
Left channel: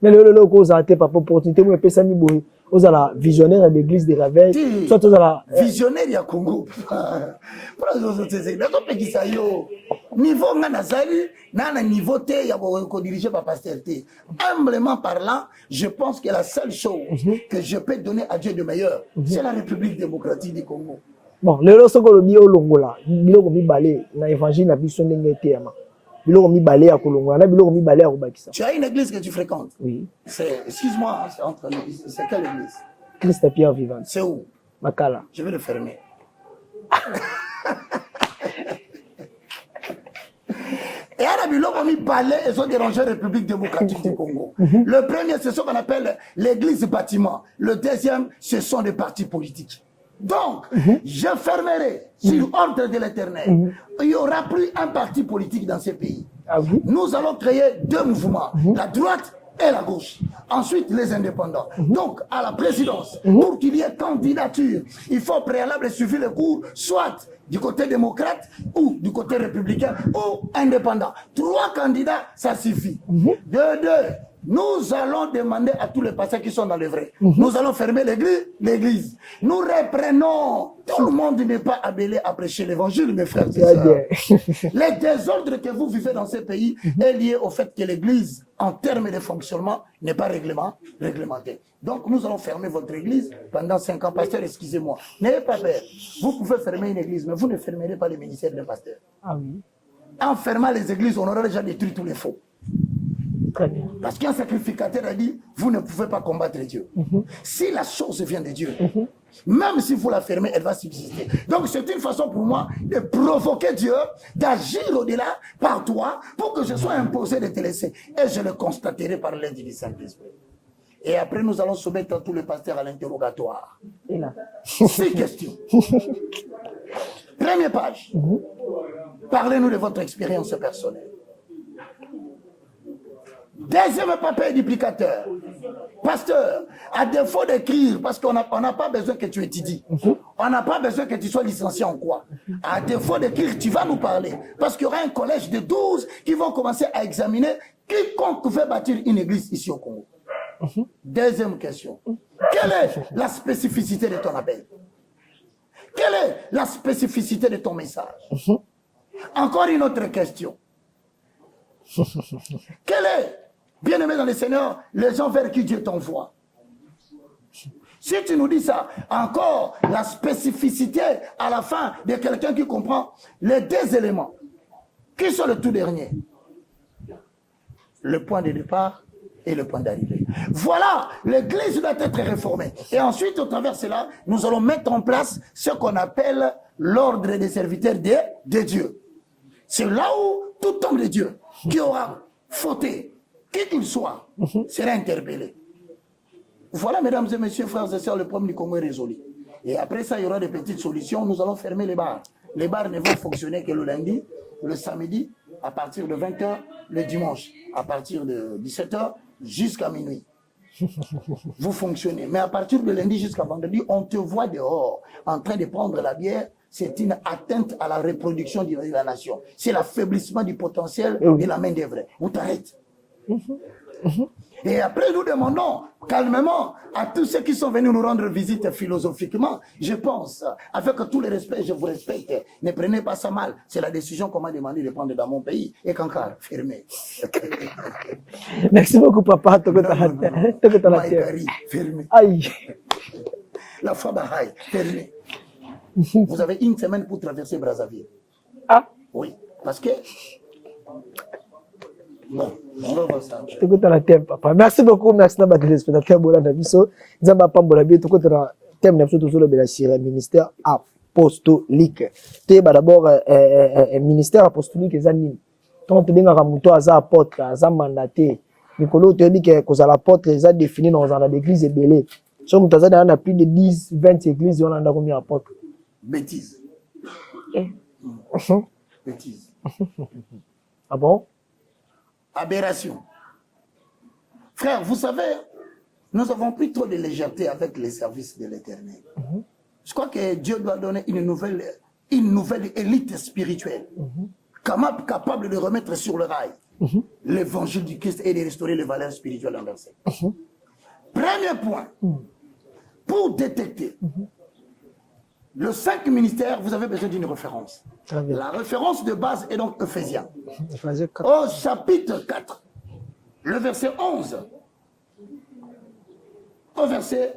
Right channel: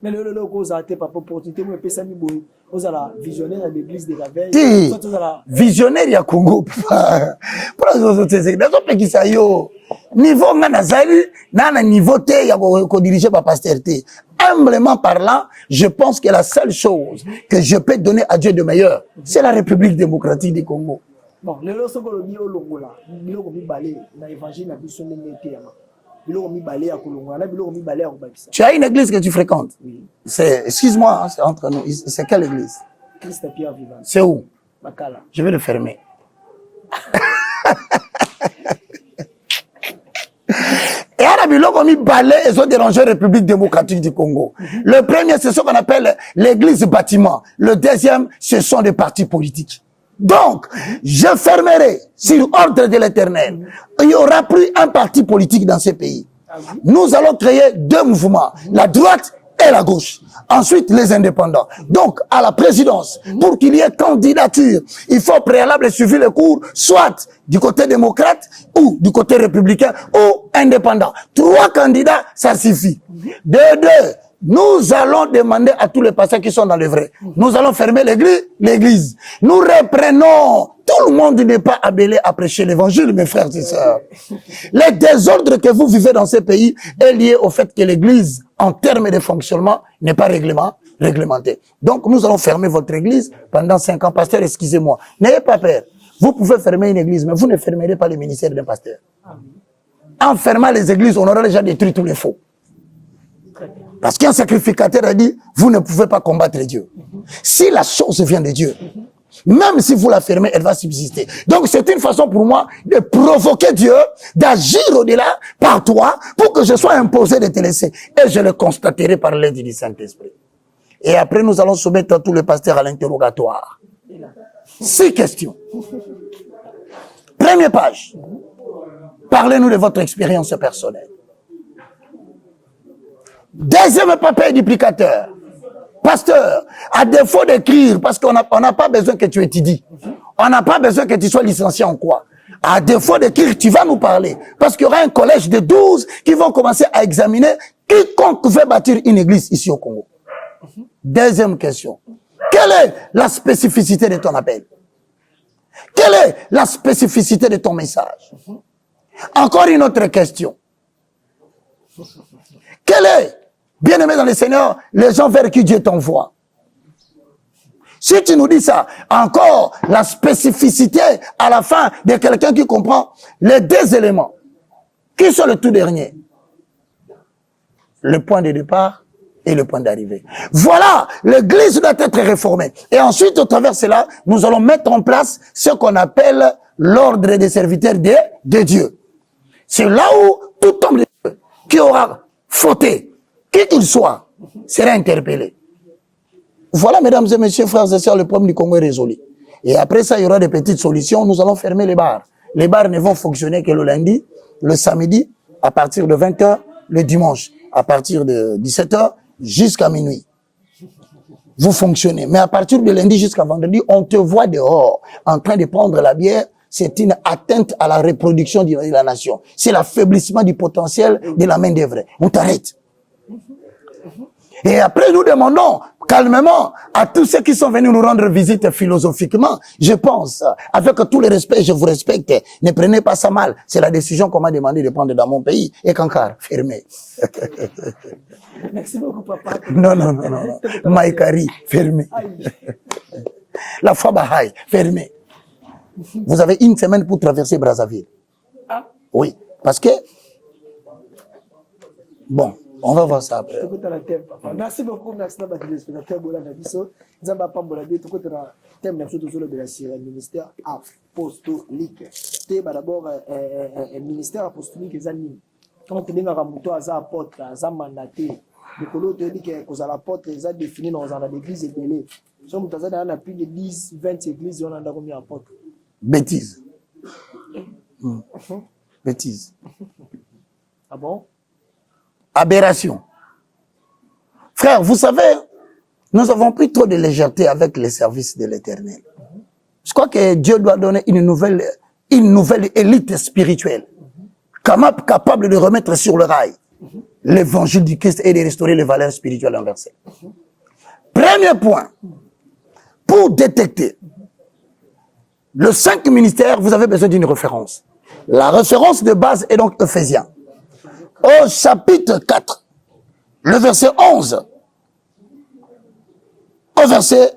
Mais le cause a été papa opportunité moi pesa mi boy ozala visionnaire de l'église de la veille soit ozala visionnaire ya Congo papa pour les autres c'est dans ce pays ça yo niveau manazali na niveau te ya ko diriger par pasteur te humblement parlant je pense que la seule chose que je peux donner à Dieu de meilleur c'est la République démocratique du Congo. Bon le loso ko lobi olongola biloko mi balé na évangile na biso ndenge te ama. Tu as une église que tu fréquentes? Oui. Excuse-moi, c'est entre nous. C'est quelle église? Christ Pierre Vivant. C'est où? Makala. Je vais le fermer. Et à la biloko mi balai et ont dérangé la République démocratique du Congo. Le premier, c'est ce qu'on appelle l'église bâtiment. Le deuxième, ce sont des partis politiques. Donc, je fermerai sur ordre de l'Éternel. Il n'y aura plus un parti politique dans ce pays. Nous allons créer deux mouvements, la droite et la gauche. Ensuite, les indépendants. Donc, à la présidence, pour qu'il y ait candidature, il faut préalable suivre le cours, soit du côté démocrate ou du côté républicain ou indépendant. 3 candidats, ça suffit. Deux. Nous allons demander à tous les pasteurs qui sont dans le vrai. Nous allons fermer l'église. Nous reprenons. Tout le monde n'est pas appelé à prêcher l'évangile, mes frères et sœurs. Les désordres que vous vivez dans ce pays est lié au fait que l'église, en termes de fonctionnement, n'est pas réglementée. Donc, nous allons fermer votre église pendant 5 ans. Pasteur, excusez-moi. N'ayez pas peur. Vous pouvez fermer une église, mais vous ne fermerez pas le ministère d'un pasteur. En fermant les églises, on aura déjà détruit tous les faux. Parce qu'un sacrificateur a dit, vous ne pouvez pas combattre Dieu. Si la chose vient de Dieu, même si vous la fermez, elle va subsister. Donc c'est une façon pour moi de provoquer Dieu, d'agir au-delà par toi, pour que je sois imposé de te laisser. Et je le constaterai par l'aide du Saint-Esprit. Et après, nous allons soumettre tous les pasteurs à l'interrogatoire. 6 questions. Première page. Parlez-nous de votre expérience personnelle. Deuxième papier duplicateur. Pasteur, à défaut d'écrire, parce qu'on n'a pas besoin que tu étudies. On n'a pas besoin que tu sois licencié en quoi. À défaut d'écrire, tu vas nous parler. Parce qu'il y aura un collège de 12 qui vont commencer à examiner quiconque veut bâtir une église ici au Congo. Deuxième question. Quelle est la spécificité de ton appel? Quelle est la spécificité de ton message? Encore une autre question. Quelle est, bien aimé dans le Seigneur, les gens vers qui Dieu t'envoie? Si tu nous dis ça, encore la spécificité à la fin de quelqu'un qui comprend les 2 éléments. Qui sont le tout dernier? Le point de départ et le point d'arrivée. Voilà, l'église doit être réformée. Et ensuite, au travers de cela, nous allons mettre en place ce qu'on appelle l'ordre des serviteurs de Dieu. C'est là où tout homme de Dieu qui aura fauté, qui qu'il soit, sera interpellé. Voilà, mesdames et messieurs, frères et sœurs, le problème du Congo est résolu. Et après ça, il y aura des petites solutions. Nous allons fermer les bars. Les bars ne vont fonctionner que le lundi, le samedi, à partir de 20h, le dimanche, à partir de 17h, jusqu'à minuit. Vous fonctionnez. Mais à partir de lundi jusqu'à vendredi, on te voit dehors, en train de prendre la bière. C'est une atteinte à la reproduction de la nation. C'est l'affaiblissement du potentiel de la main-d'œuvre. On t'arrête. Et après, nous demandons calmement à tous ceux qui sont venus nous rendre visite philosophiquement. Je pense, avec tout le respect, je vous respecte. Ne prenez pas ça mal. C'est la décision qu'on m'a demandé de prendre dans mon pays. Et qu'encore, fermé. Merci beaucoup, papa. Non. Maïkari, fermé. Aïe. La foi Bahaï, fermé. Vous avez 1 semaine pour traverser Brazzaville. Ah. Oui, parce que... Bon, on va voir ça après. Merci beaucoup, merci à tous les spectateurs. Le ministère apostolique. D'abord, ministère apostolique, quand tu es apôtre, mandaté. Nicolas te dit que les apôtres sont définis dans l'église belée. Si on a plus de 10, 20 églises, on a combien d'apôtres? Bêtise. Bêtise. Ah bon? Aberration. Frère, vous savez, nous avons pris trop de légèreté avec les services de l'Éternel. Je crois que Dieu doit donner une nouvelle élite spirituelle, capable de remettre sur le rail l'évangile du Christ et de restaurer les valeurs spirituelles inversées. Premier point, pour détecter le 5 ministères, vous avez besoin d'une référence. La référence de base est donc Ephésiens. Au chapitre 4, le verset 11 au verset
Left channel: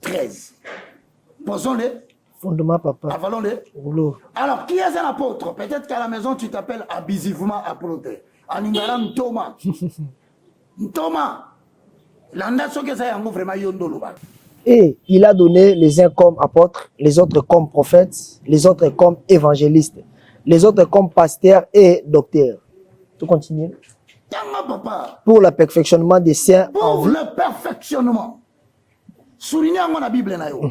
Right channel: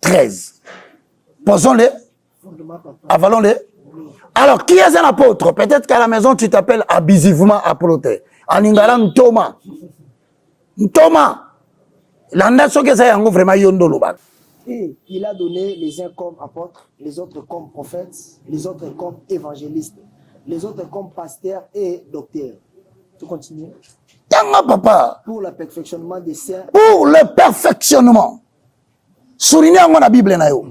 13. Posons-les. Avalons-les. Alors, qui est un apôtre? Peut-être qu'à la maison, tu t'appelles abusivement apôtre. En Ingalam, Thomas. Thomas. Et il a donné les uns comme apôtres, les autres comme prophètes, les autres comme évangélistes, les autres comme pasteurs et docteurs. Tu continues. Tanga papa. Pour le perfectionnement des saints. Pour le perfectionnement. Souligner en la Bible na yo.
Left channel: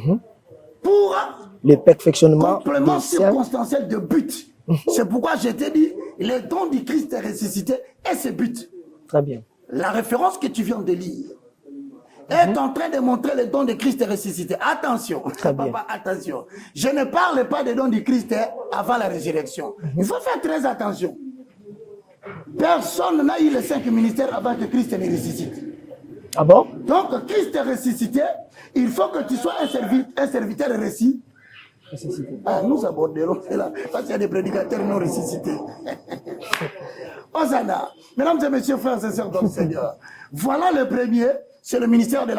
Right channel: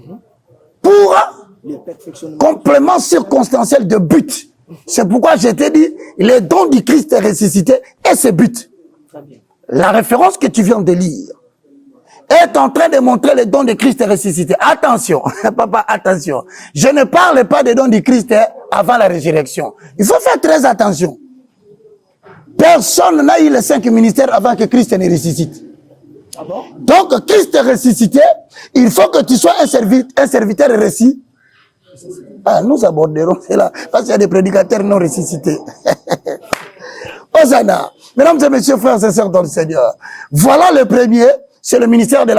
Pour le perfectionnement. Complément circonstanciel de but. C'est pourquoi je t'ai dit, les dons du Christ est ressuscité et ses buts. Très bien. La référence que tu viens de lire est en train de montrer les dons de Christ ressuscité. Attention, papa, attention. Je ne parle pas des dons du Christ avant la résurrection. Il faut faire très attention. Personne n'a eu les 5 ministères avant que Christ ne ressuscite. Ah bon? Donc, Christ est ressuscité, il faut que tu sois un serviteur ressuscité. Ah, nous aborderons cela, parce qu'il y a des prédicateurs non ressuscités. Hosanna. Mesdames et messieurs, frères et sœurs dans le Seigneur, voilà le premier, c'est le ministère de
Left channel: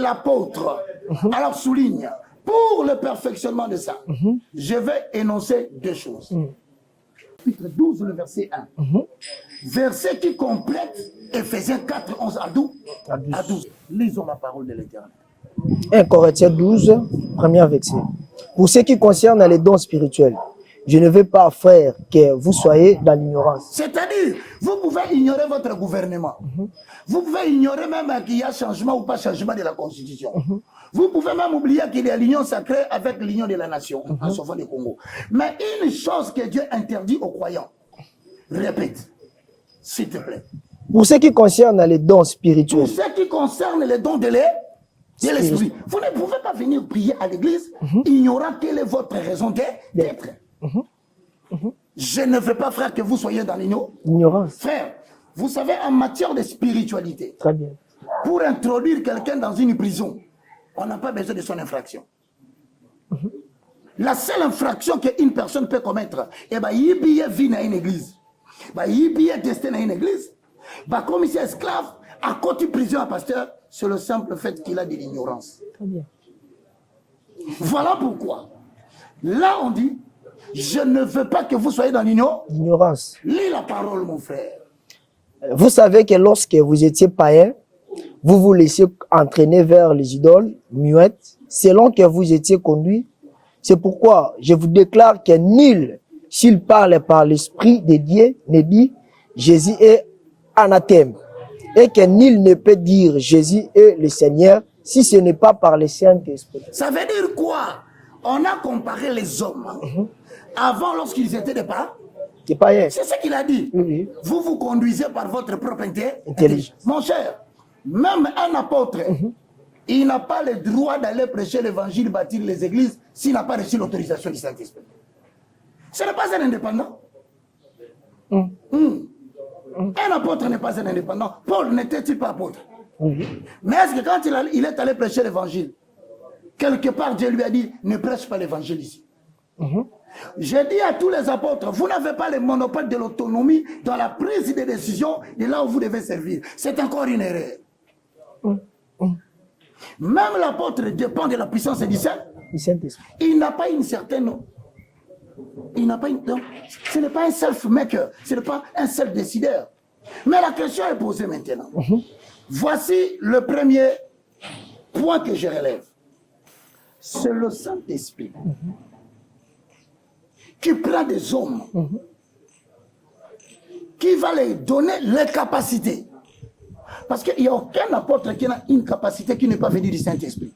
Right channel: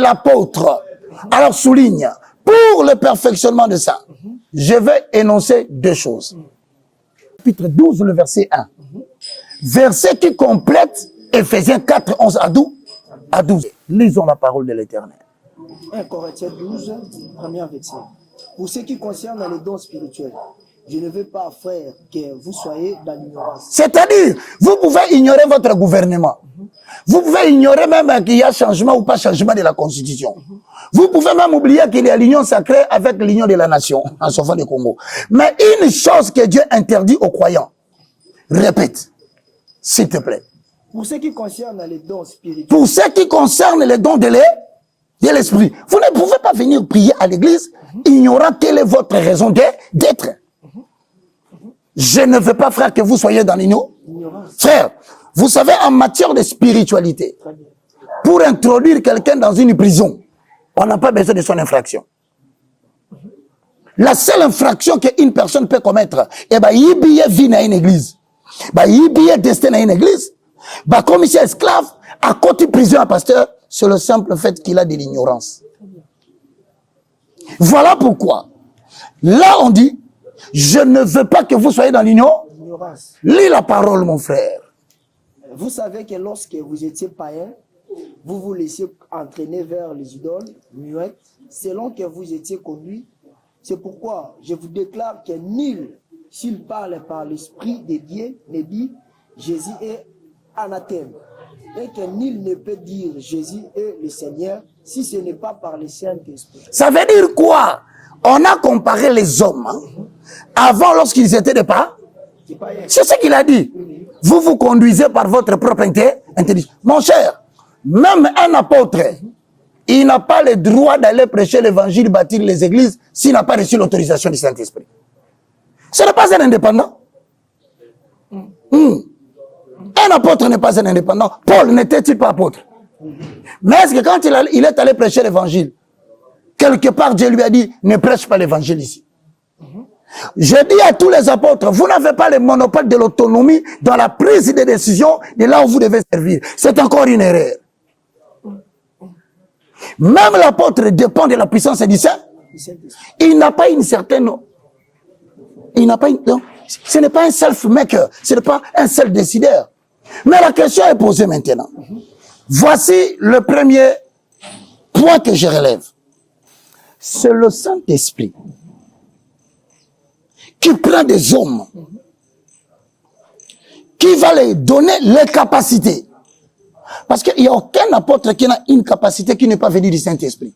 l'apôtre. Alors souligne, pour le perfectionnement de ça, je vais énoncer 2 choses. Chapitre 12, le verset 1. Verset qui complète Éphésiens 4, 11 à 12. Lisons la parole de l'Éternel. 1 Corinthiens 12, premier verset. Pour ce qui concerne les dons spirituels, je ne veux pas, frère, que vous soyez dans l'ignorance. C'est-à-dire, vous pouvez ignorer votre gouvernement. Vous pouvez ignorer même qu'il y a changement ou pas changement de la Constitution. Vous pouvez même oublier qu'il y a l'union sacrée avec l'union de la nation, en sauvant le Congo. Mais une chose que Dieu interdit aux croyants, répète, s'il te plaît. Pour ce qui concerne les dons spirituels. Pour ce qui concerne les dons de l'esprit. Vous ne pouvez pas venir prier à l'église ignorant quelle est votre raison d'être. Je ne veux pas, frère, que vous soyez dans l'ignorance. Frère, vous savez, en matière de spiritualité, très bien, pour introduire quelqu'un dans une prison, on n'a pas besoin de son infraction. La seule infraction qu'une personne peut commettre, eh ben, il billet vie dans une église. Il billet destin dans une église. Comme il est esclave, à côté de prison à pasteur, c'est le simple fait qu'il a de l'ignorance. Voilà pourquoi, là on dit, je ne veux pas que vous soyez dans l'ignorance. Lis la parole, mon frère. Vous savez que lorsque vous étiez païen, vous vous laissiez entraîner vers les idoles muettes, selon que vous étiez conduit. C'est pourquoi je vous déclare que nul, s'il parle par l'Esprit de Dieu, ne dit Jésus est anathème. Et que nul ne peut dire Jésus est le Seigneur si ce n'est pas par le Saint-Esprit. Ça veut dire quoi? On a comparé les hommes avant lorsqu'ils étaient des pas. C'est ce qu'il a dit. Vous vous conduisez par votre propre intelligence. Mon cher, même un apôtre, il n'a pas le droit d'aller prêcher l'évangile, bâtir les églises, s'il n'a pas reçu l'autorisation du Saint-Esprit. Ce n'est pas un indépendant. Un apôtre n'est pas un indépendant. Paul n'était-il pas apôtre? Mais est-ce que quand il est allé prêcher l'évangile, quelque part Dieu lui a dit, ne prêche pas l'évangile ici. Je dis à tous les apôtres, vous n'avez pas le monopole de l'autonomie dans la prise de décision de là où vous devez servir. C'est encore une erreur. Même l'apôtre dépend de la puissance du Saint-Esprit. Il n'a pas une certaine... ce n'est pas un self-maker, ce n'est pas un self-décideur. Mais la question est posée maintenant. Voici le premier point que je relève. C'est le Saint-Esprit qui prend des hommes, qui va leur donner les capacités. Parce qu'il n'y a aucun apôtre qui a une capacité qui n'est pas venue du Saint-Esprit.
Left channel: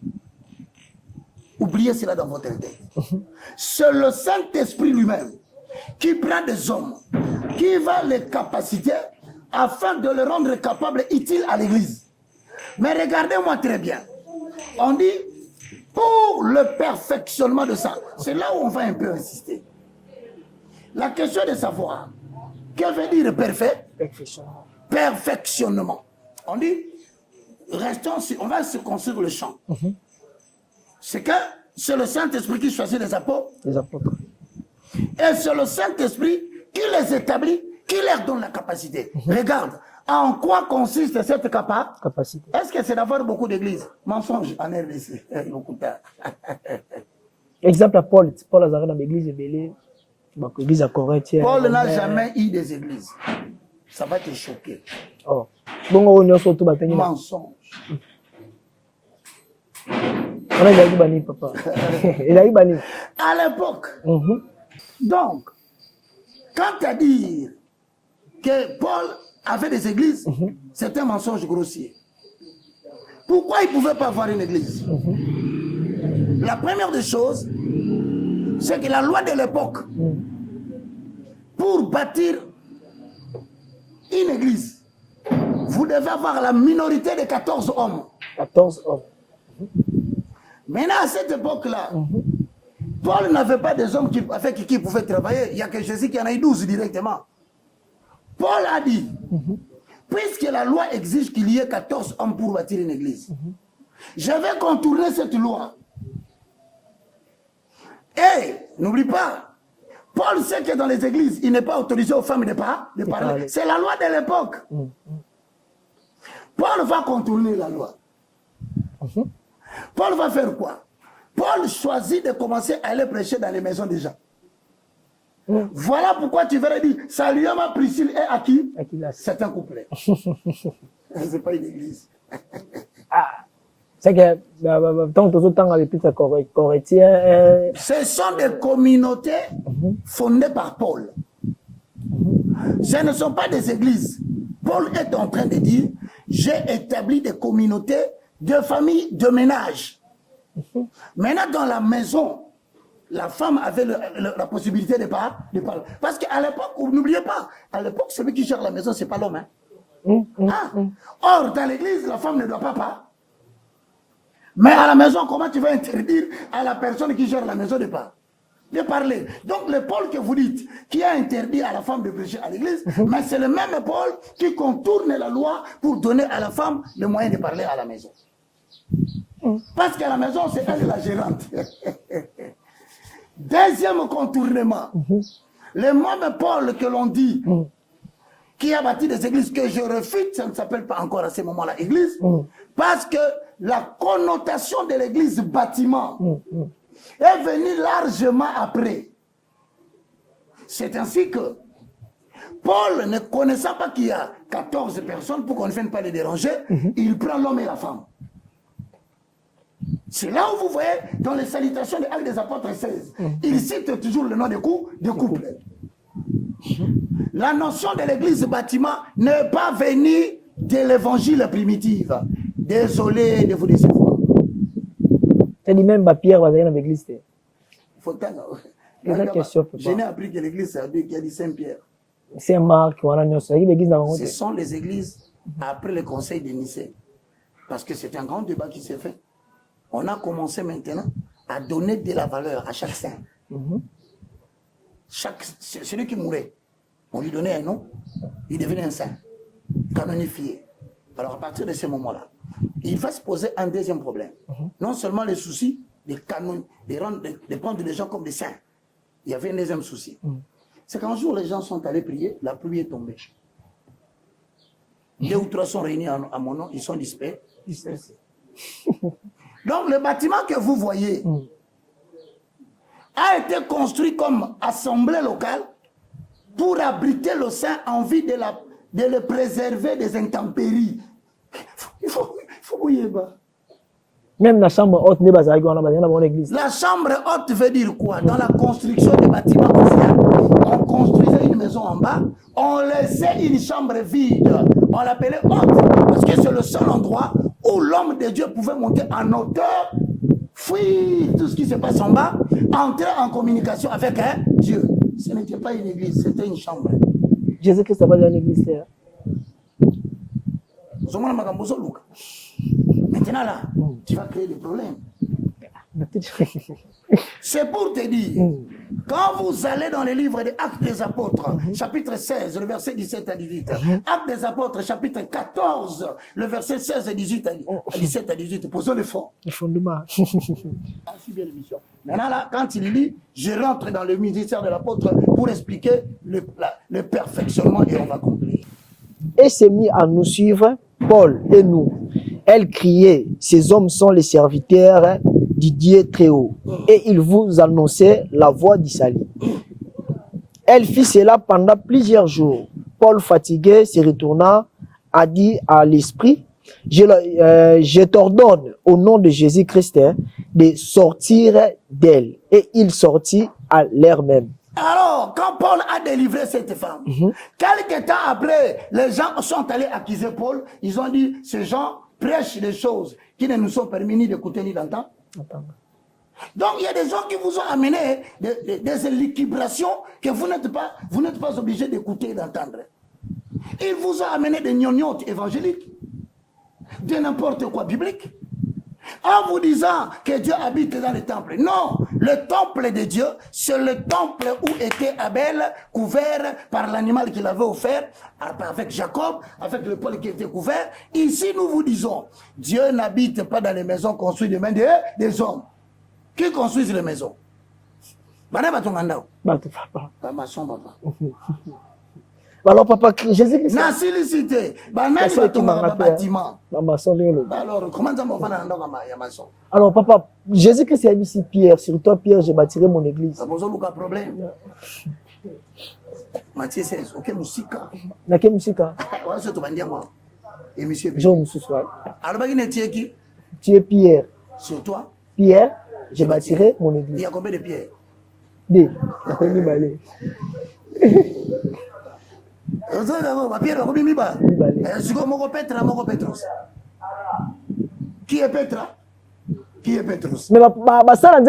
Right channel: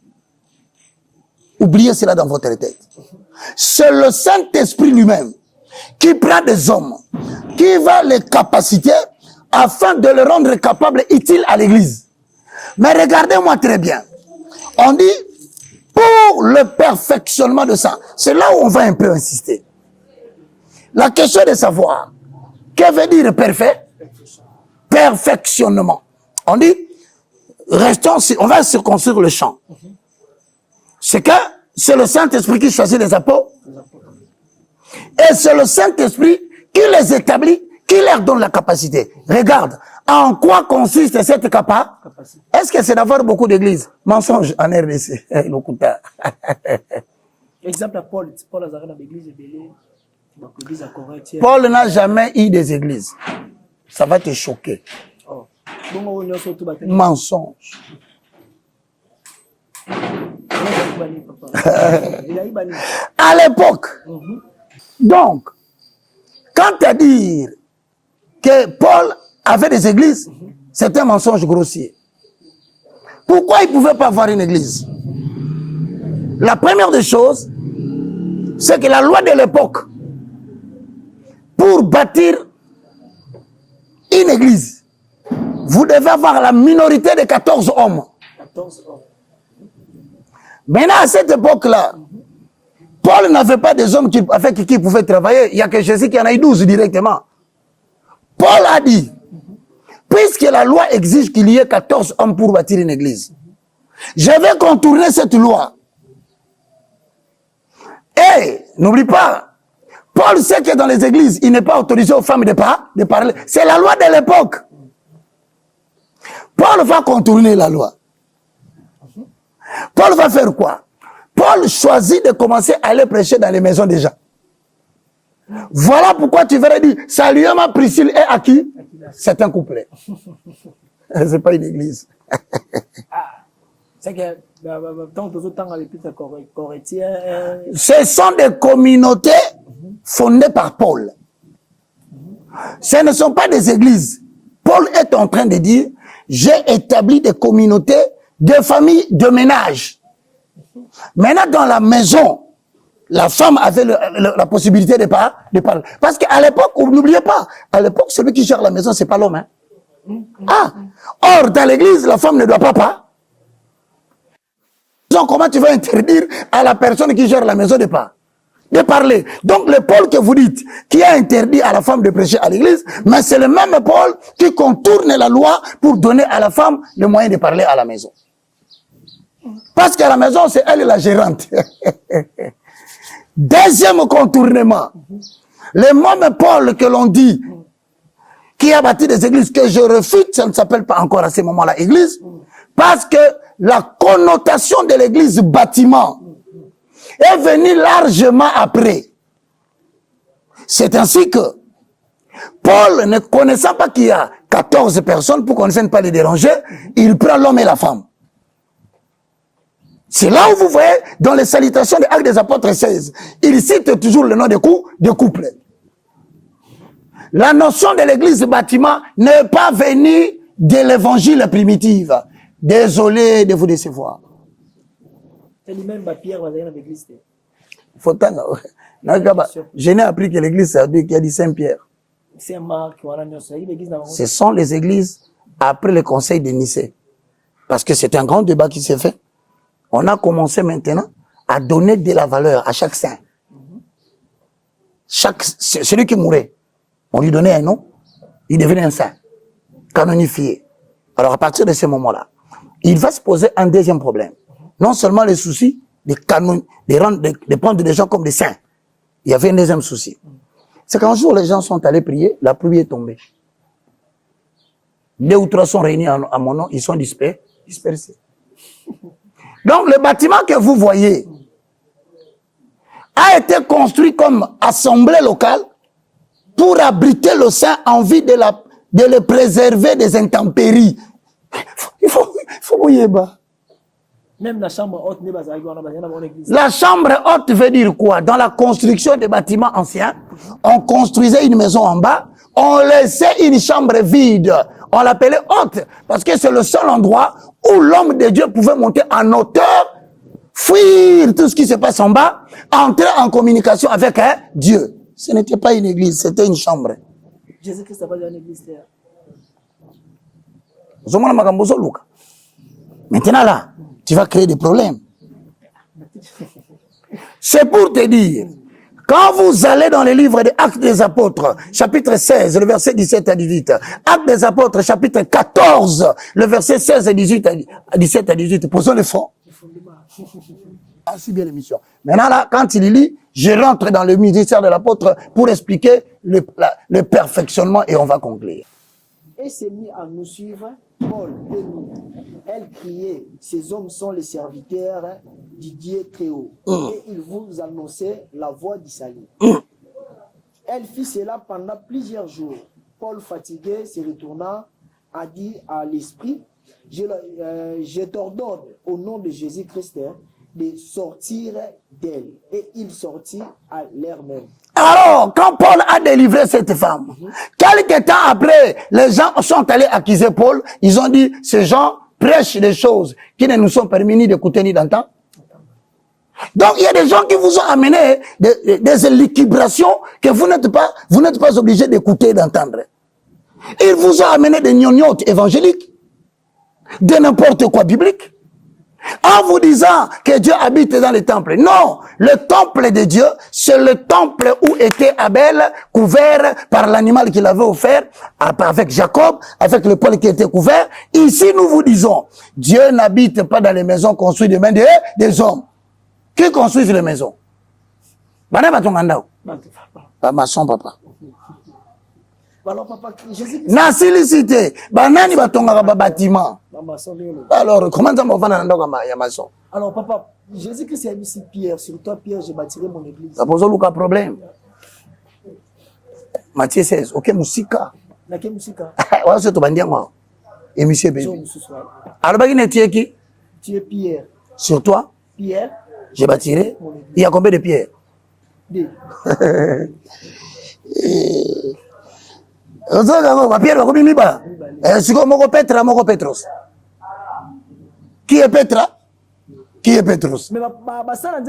Oubliez cela dans votre tête. C'est le Saint-Esprit lui-même qui prend des hommes, qui va les capaciter afin de les rendre capables, utiles à l'Église. Mais regardez-moi très bien. On dit, pour le perfectionnement de ça, c'est là où on va un peu insister. La question est de savoir, que veut dire perfectionnement. On dit, on va circoncire le champ. C'est que c'est le Saint-Esprit qui choisit les apôtres. Et c'est le Saint-Esprit qui les établit, qui leur donne la capacité. Regarde, en quoi consiste cette capacité? Est-ce que c'est d'avoir beaucoup d'églises? Mensonge en RDC. Exemple à Paul. Paul a dans l'église de l'église à Corinthiens. Paul n'a jamais eu des églises. Ça va te choquer. Oh. Mensonge. À l'époque. Donc, quand à dire que Paul avait des églises, c'est un mensonge grossier. Pourquoi il ne pouvait pas avoir une église? La première des choses, c'est que la loi de l'époque, pour bâtir une église, vous devez avoir la minorité de 14 hommes. 14 hommes. Maintenant, à cette époque-là, Paul n'avait pas des hommes avec qui pouvaient travailler. Il n'y a que Jésus qui en a eu 12 directement. Paul a dit, puisque la loi exige qu'il y ait 14 hommes pour bâtir une église, je vais contourner cette loi. Et n'oublie pas, Paul sait que dans les églises, il n'est pas autorisé aux femmes de parler. C'est la loi de l'époque. Paul va contourner la loi. Paul va faire quoi? Paul choisit de commencer à aller prêcher dans les maisons des gens. Voilà pourquoi tu verrais dire, saluez-moi Priscille et à qui? C'est un couplet. C'est pas une église. C'est que ce sont des communautés fondées par Paul. Ce ne sont pas des églises. Paul est en train de dire, j'ai établi des communautés de familles de ménage. Maintenant, dans la maison, la femme avait la possibilité de parler. Parce qu'à l'époque, n'oubliez pas, à l'époque, celui qui gère la maison, c'est pas l'homme. Or, dans l'église, la femme ne doit pas parler. Mais à la maison, comment tu vas interdire à la personne qui gère la maison de parler? Donc, le Paul que vous dites, qui a interdit à la femme de prêcher à l'église, mais c'est le même Paul qui contourne la loi pour donner à la femme le moyen de parler à la maison. Parce qu'à la maison, c'est elle la gérante. Deuxième contournement. Le même Paul que l'on dit, qui a bâti des églises, que je refute, ça ne s'appelle pas encore à ce moment-là église, parce que la connotation de l'église bâtiment est venue largement après. C'est ainsi que Paul, ne connaissant pas qu'il y a 14 personnes pour qu'on ne vienne pas les déranger, il prend l'homme et la femme. C'est là où vous voyez, dans les salutations des Actes des Apôtres 16, il cite toujours le nom de couple. La notion de l'église bâtiment n'est pas venue de l'évangile primitif. Désolé de vous décevoir. C'est lui-même ma pierre va dans l'église. Je n'ai appris que l'église c'est Dieu qui a dit Saint-Pierre. Saint-Marc, ce sont les églises après le conseil de Nicée. Parce que c'est un grand débat qui s'est fait. On a commencé maintenant à donner de la valeur à chaque saint. Celui qui mourait, on lui donnait un nom, il devenait un saint, canonifié. Alors à partir de ce moment-là, il va se poser un deuxième problème. Non seulement le souci de prendre des gens comme des saints, il y avait un deuxième souci. C'est qu'un jour les gens sont allés prier, la pluie est tombée. 2 ou 3 sont réunis à mon nom, ils sont dispersés. Donc le bâtiment que vous voyez a été construit comme assemblée locale pour abriter le saint en vue de le préserver des intempéries. Il faut bouiller bas. Même la chambre haute n'est pas dans l'église. La chambre haute veut dire quoi? Dans la construction des bâtiments anciens, on construisait une maison en bas, on laissait une chambre vide. On l'appelait haute parce que c'est le seul endroit où l'homme de Dieu pouvait monter en hauteur, fuir tout ce qui se passe en bas, entrer en communication avec Dieu. Ce n'était pas une église, c'était une chambre. Jésus-Christ n'a pas dans l'église. Maintenant là, tu vas créer des problèmes. C'est pour te dire, quand vous allez dans les livres des Actes des Apôtres, chapitre 16, le verset 17 à 18, Actes des Apôtres, chapitre 14, le verset 16 à 17 à 18, posons les fonds. Le fondement. Assez bien l'émission. Maintenant là, quand il lit, je rentre dans le ministère de l'apôtre pour expliquer le perfectionnement et on va conclure. Et s'est mis à nous suivre, Paul et nous. Elle criait, ces hommes sont les serviteurs du Dieu très haut. Et ils vous annonçaient la voie du salut. Elle fit cela pendant plusieurs jours. Paul, fatigué, se retourna, a dit à l'esprit, je t'ordonne au nom de Jésus-Christ de sortir d'elle. Et il sortit à l'heure même. Alors, quand Paul a délivré cette femme, quelques temps après, les gens sont allés accuser Paul. Ils ont dit, ces gens prêchent des choses qui ne nous sont permis ni d'écouter ni d'entendre. Donc, il y a des gens qui vous ont amené des élucubrations que vous n'êtes pas obligés d'écouter et d'entendre. Ils vous ont amené des gnognottes évangéliques, de n'importe quoi biblique, en vous disant que Dieu habite dans le temple. Non, le temple de Dieu, c'est le temple où était Abel, couvert par l'animal qu'il avait offert, avec Jacob, avec le poil qui était couvert. Ici, nous vous disons, Dieu n'habite pas dans les maisons construites de mains des hommes. Qui construit les maisons? Maçon, papa. Alors, papa, Jésus... Na silicité. Banani batonga bâtiment. Alors, comment ça m'a fait maçon? Alors, papa, Jésus-Christ a ici Pierre. Sur toi, Pierre, j'ai bâti mon église. Ça pose aucun problème. Matthieu 16. Ok, Moussika. Na quelle musique? Ouais, c'est tout bandia moi. Et monsieur B. Alors, qui? Tu es Pierre. Sur toi? Pierre. J'ai bâti mon église. Il y a combien de pierres? Deux. Qui est Petra? Qui est Petros? Mais ça n'a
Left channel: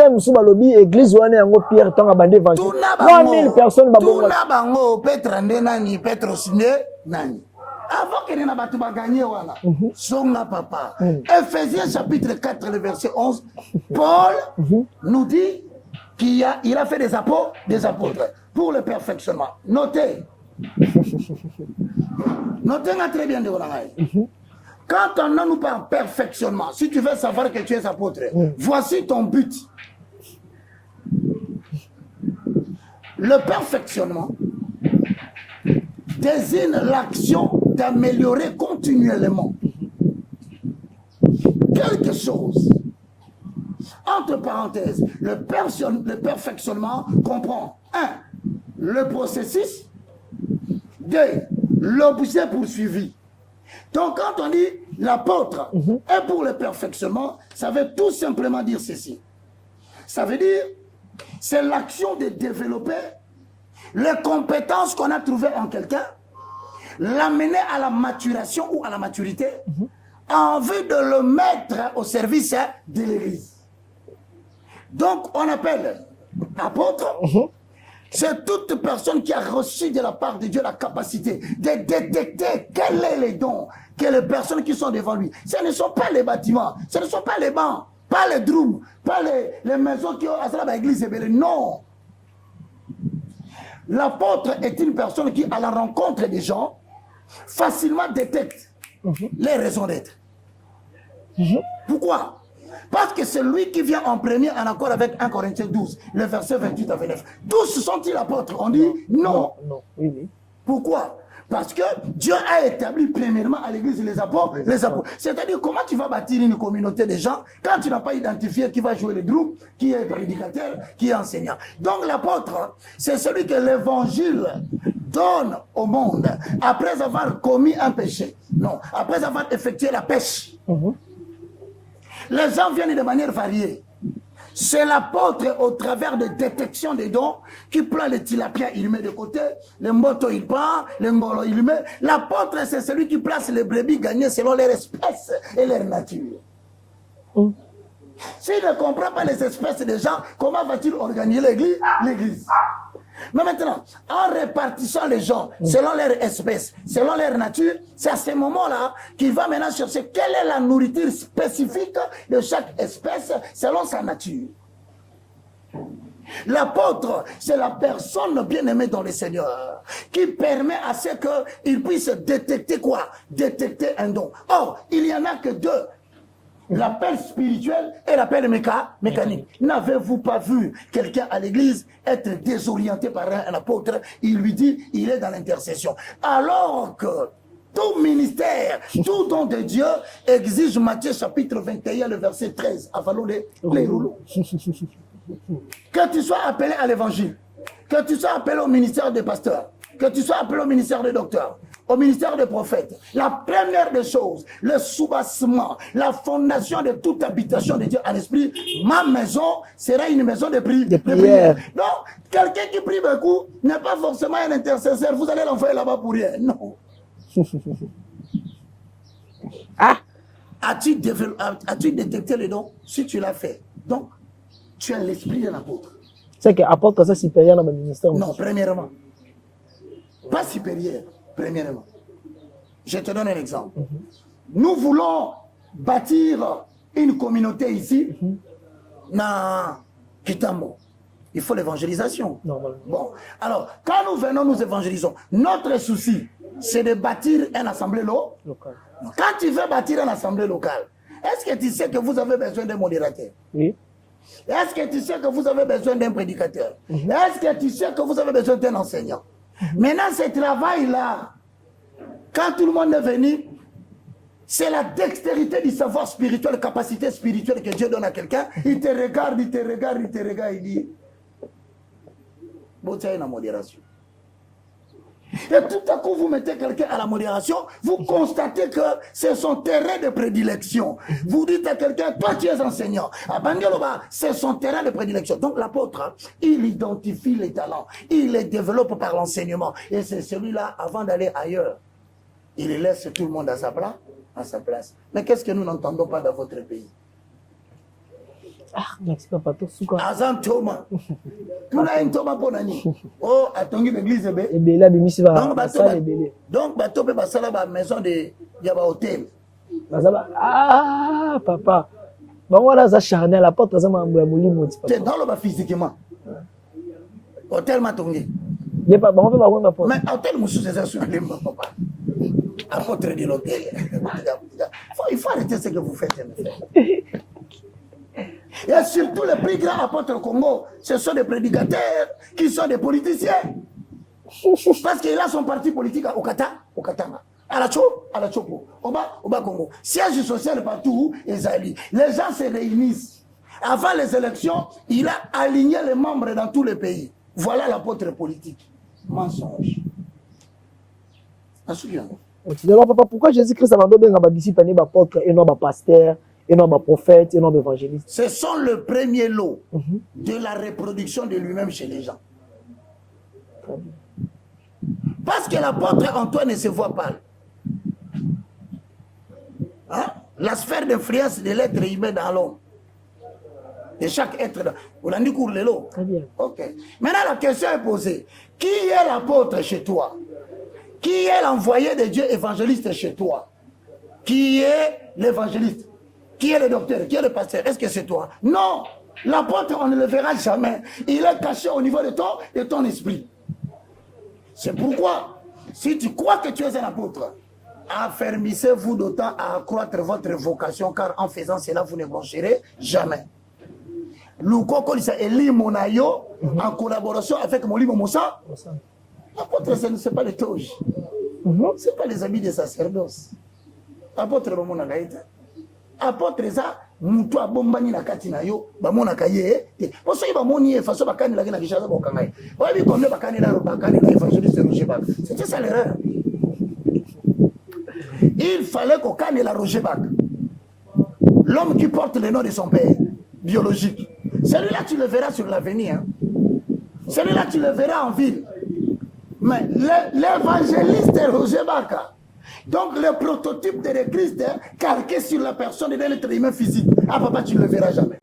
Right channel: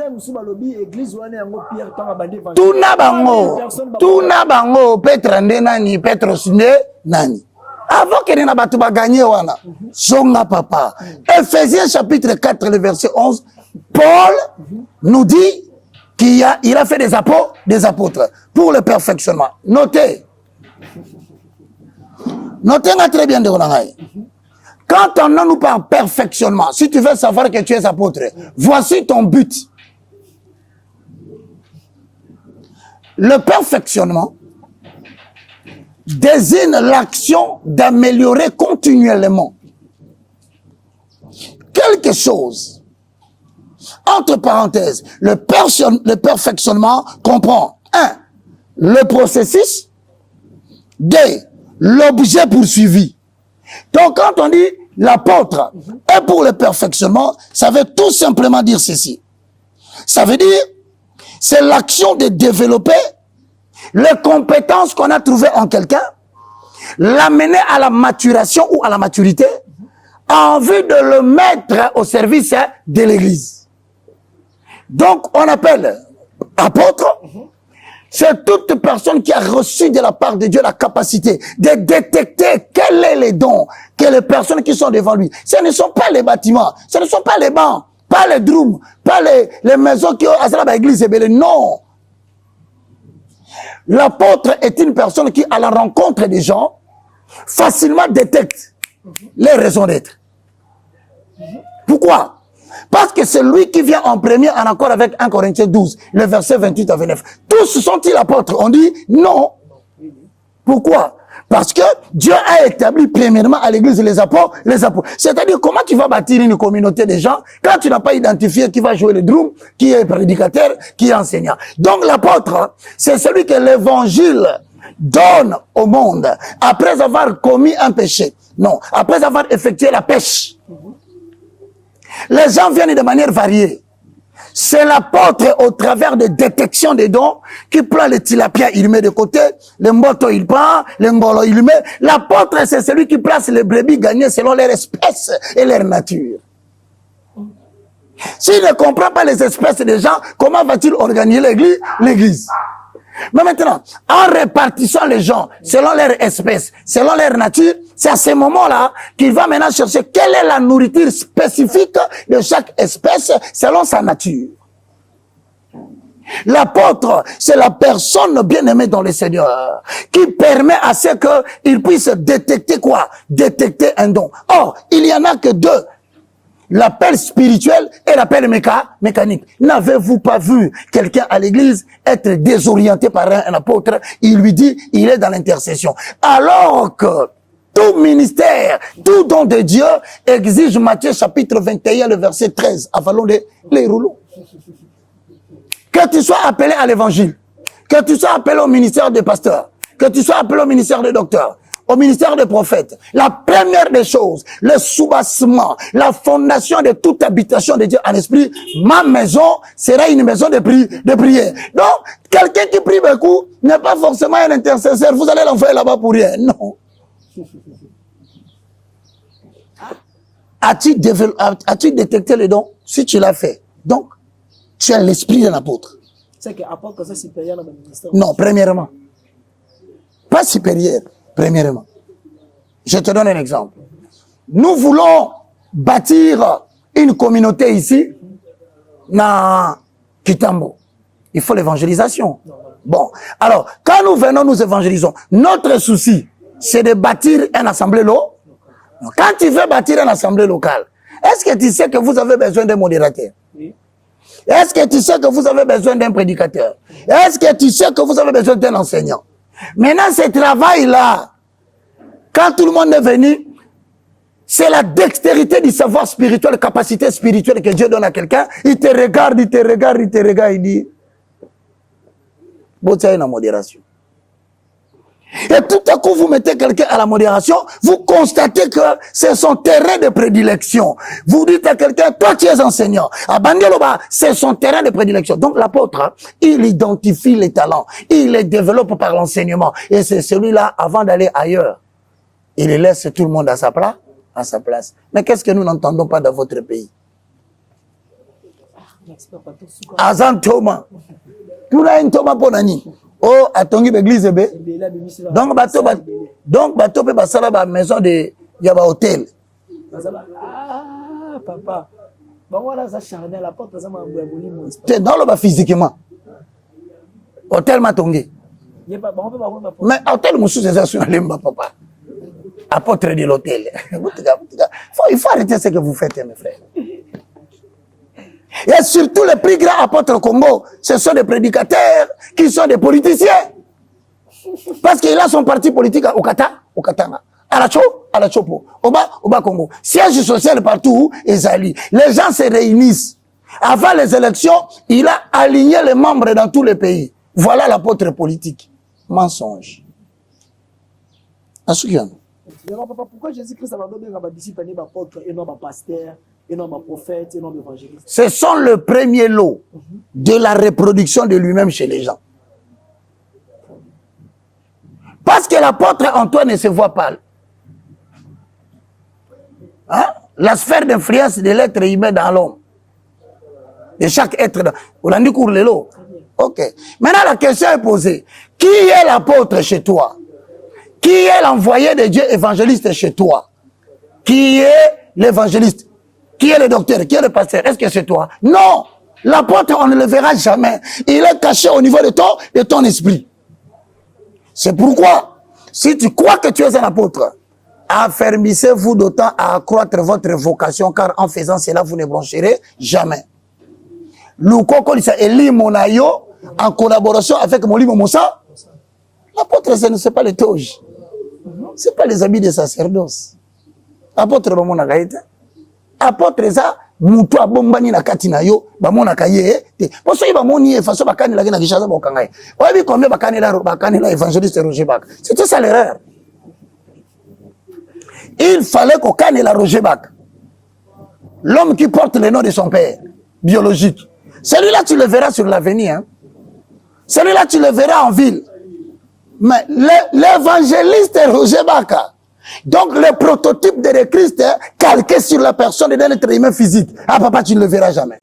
église Pierre tout na bango Petra nani Petros nani. Avant que n'a pas gagné wana. Songa papa. Ephésiens chapitre 4 le verset 11. Paul nous dit qu'il a fait des apôtres pour le perfectionnement. Notez. Notez très bien de Ronangaï. Quand on nous parle perfectionnement, si tu veux savoir que tu es apôtre, voici ton but. Le perfectionnement désigne l'action d'améliorer continuellement quelque chose. Entre parenthèses, le perfectionnement comprend 1. Le processus, 2. L'objet poursuivi. Donc quand on dit l'apôtre est pour le perfectionnement, ça veut tout simplement dire ceci. Ça veut dire, c'est l'action de développer les compétences qu'on a trouvées en quelqu'un, l'amener à la maturation ou à la maturité, en vue de le mettre au service de l'Église. Donc, on appelle apôtre, c'est toute personne qui a reçu de la part de Dieu la capacité de détecter quels sont les dons que les personnes qui sont devant lui. Ce ne sont pas les bâtiments, ce ne sont pas les bancs, pas les drums, pas les maisons qui ont à l'église. Non. L'apôtre est une personne qui, à la rencontre des gens, facilement détecte les raisons d'être. Pourquoi? Parce que c'est lui qui vient en premier en accord avec 1 Corinthiens 12, le verset 28 à 29. Tous sont-ils apôtres? On dit non. Pourquoi? Parce que Dieu a établi premièrement à l'église les apôtres. C'est-à-dire, comment tu vas bâtir une communauté de gens quand tu n'as pas identifié qui va jouer le drum, qui est prédicateur, qui est enseignant. Donc l'apôtre, c'est celui que l'évangile donne au monde après avoir commis un péché. Non, après avoir effectué la pêche. Les gens viennent de manière variée. C'est l'apôtre au travers de détection des dons qui prend le tilapia, il met de côté, le mboto il prend, le ngolo il met. L'apôtre c'est celui qui place les brebis gagnées selon leur espèce et leur nature. S'il ne comprend pas les espèces des gens, comment va-t-il organiser l'église? Mais maintenant, en répartissant les gens selon leur espèce, selon leur nature, c'est à ce moment-là qu'il va maintenant chercher quelle est la nourriture spécifique de chaque espèce selon sa nature. L'apôtre, c'est la personne bien-aimée dans le Seigneur qui permet à ce qu'il puisse détecter quoi? Détecter un don. Or, il n'y en a que deux. L'appel spirituel et l'appel mécanique. N'avez-vous pas vu quelqu'un à l'église être désorienté par un apôtre? Il lui dit, il est dans l'intercession. Alors que tout ministère, tout don de Dieu exige Matthieu chapitre 21, le verset 13. Avalons les rouleaux. Que tu sois appelé à l'évangile, que tu sois appelé au ministère de pasteur, que tu sois appelé au ministère de docteur, au ministère des prophètes, la première des choses, le soubassement, la fondation de toute habitation de Dieu en esprit, ma maison sera une maison de prière. Donc, quelqu'un qui prie beaucoup n'est pas forcément un intercesseur. Vous allez l'envoyer là-bas pour rien. Non. As-tu détecté le don? Si tu l'as fait. Donc, tu as l'esprit d'un apôtre. C'est qu'apôtre, ça supérieur dans le ministère. Non, premièrement. Pas supérieur, premièrement. Je te donne un exemple. Nous voulons bâtir une communauté ici, dans Kitambo. Il faut l'évangélisation. Bon, alors, quand nous venons, nous évangélisons. Notre souci, c'est de bâtir une assemblée locale. Quand tu veux bâtir une assemblée locale, est-ce que tu sais que vous avez besoin d'un modérateur? Oui. Est-ce que tu sais que vous avez besoin d'un prédicateur? Est-ce que tu sais que vous avez besoin d'un enseignant? Maintenant, ce travail-là, quand tout le monde est venu, c'est la dextérité du savoir spirituel, la capacité spirituelle que Dieu donne à quelqu'un. Il te regarde, il dit, bon, tiens, une modération. Et tout à coup, vous mettez quelqu'un à la modération, vous constatez que c'est son terrain de prédilection. Vous dites à quelqu'un, toi tu es enseignant. À Bandioloba, c'est son terrain de prédilection. Donc l'apôtre, il identifie les talents, il les développe par l'enseignement. Et c'est celui-là, avant d'aller ailleurs, il laisse tout le monde à sa place. Mais qu'est-ce que nous n'entendons pas dans votre pays? Azan Thomas. Tout là une Thomas Ponani. Oh, atongi l'église be. Donc bateau peut passer à la maison de yaba hôtel. Ah papa. Bah voilà ça charnel la porte ça m'a molimo. C'est dans le bas physiquement. Hôtel matongi. Mais hôtel monsieur c'est ça sur lemba papa. Apôtre de l'hôtel. Il faut arrêter ce que vous faites mes frères. Et surtout les plus grands apôtres au Congo, ce sont des prédicateurs qui sont des politiciens. Parce qu'il a son parti politique au Katanga, à la Chopo, au bas Congo. Siège social partout, Ezali. Les gens se réunissent. Avant les élections, il a aligné les membres dans tous les pays. Voilà l'apôtre politique. Mensonge. Alors papa, pourquoi Jésus-Christ a donné un disciple, un apôtre et non un pasteur? Et non ma prophète, et non évangéliste. Ce sont le premier lot de la reproduction de lui-même chez les gens. Parce que l'apôtre Antoine ne se voit pas. Hein? La sphère d'influence de l'être humain dans l'homme. De chaque être. On a dit cours le lot. Ok. Maintenant la question est posée. Qui est l'apôtre chez toi? Qui est l'envoyé de Dieu évangéliste chez toi? Qui est l'évangéliste? Qui est le docteur? Qui est le pasteur? Est-ce que c'est toi? Non! L'apôtre, on ne le verra jamais. Il est caché au niveau de ton esprit. C'est pourquoi, si tu crois que tu es un apôtre, affermissez-vous d'autant à accroître votre vocation, car en faisant cela, vous ne broncherez jamais. L'Ukoko Eli Monayo, en collaboration avec Molimo Moussa, l'apôtre, ce n'est pas les toges. Ce n'est pas les habits de sacerdoce. L'apôtre, mon agaïta. Apôtre ça mutu abombani na kati na yo bamona kaye te poso iba moni e faso bakani la na kishaza bokangai wabi kombe bakani la évangéliste Roger Bak. C'était ça l'erreur. Il fallait qu'on canne la Roger Bak, l'homme qui porte le nom de son père biologique. Celui-là tu le verras sur l'avenir, hein. Celui-là tu le verras en ville. Mais l'évangéliste Roger Bak, donc le prototype de Christ calqué sur la personne d'un être humain physique. Ah papa, tu ne le verras jamais.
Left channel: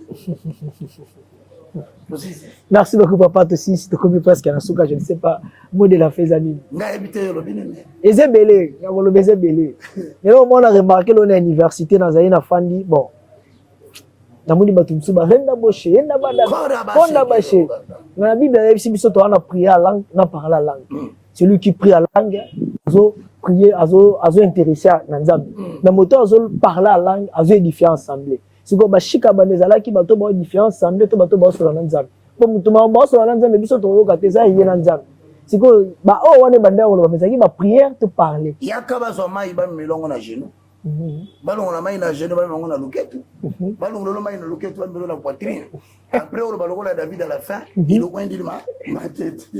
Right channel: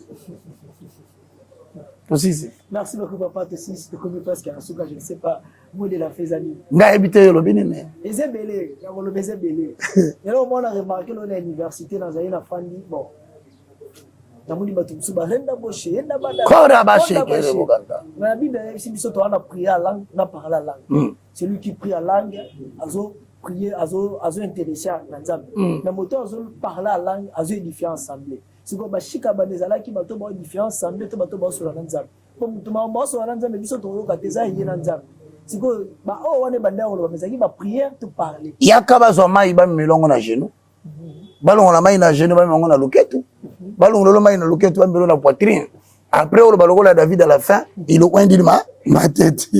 Merci beaucoup papa, aussi si tu connais presque un souka, je ne sais pas, mot de la faisanie. Nga habité le Bénin. Et c'est belé, et là on a remarqué qu'on a une université dans une famille, bon. Namuni batumsuba renda boche, renda bache. Mais la Bible si biso to na prier à langue, na parler la langue. Celui qui prie à langue, azo prier, azo intéressé na Nzambe. Mais moto azo parler à langue, azo édifier ensemble. C'est comme bashika banezala ki bato ba édifier ensemble, to bato ba so na Nzambe. Pour mutu ma ba so na Nzambe biso to ka teza yé na Nzambe. C'est que ba o wane banda ko ba messaki ba prière te parler. Yakaba zo mai ba melongo na genou. Balon la main na genou ba melongo na loketu. Balon lo main na loketu ba melongo na poitrine. Après, on va le David à la fin, il a dit ma tête.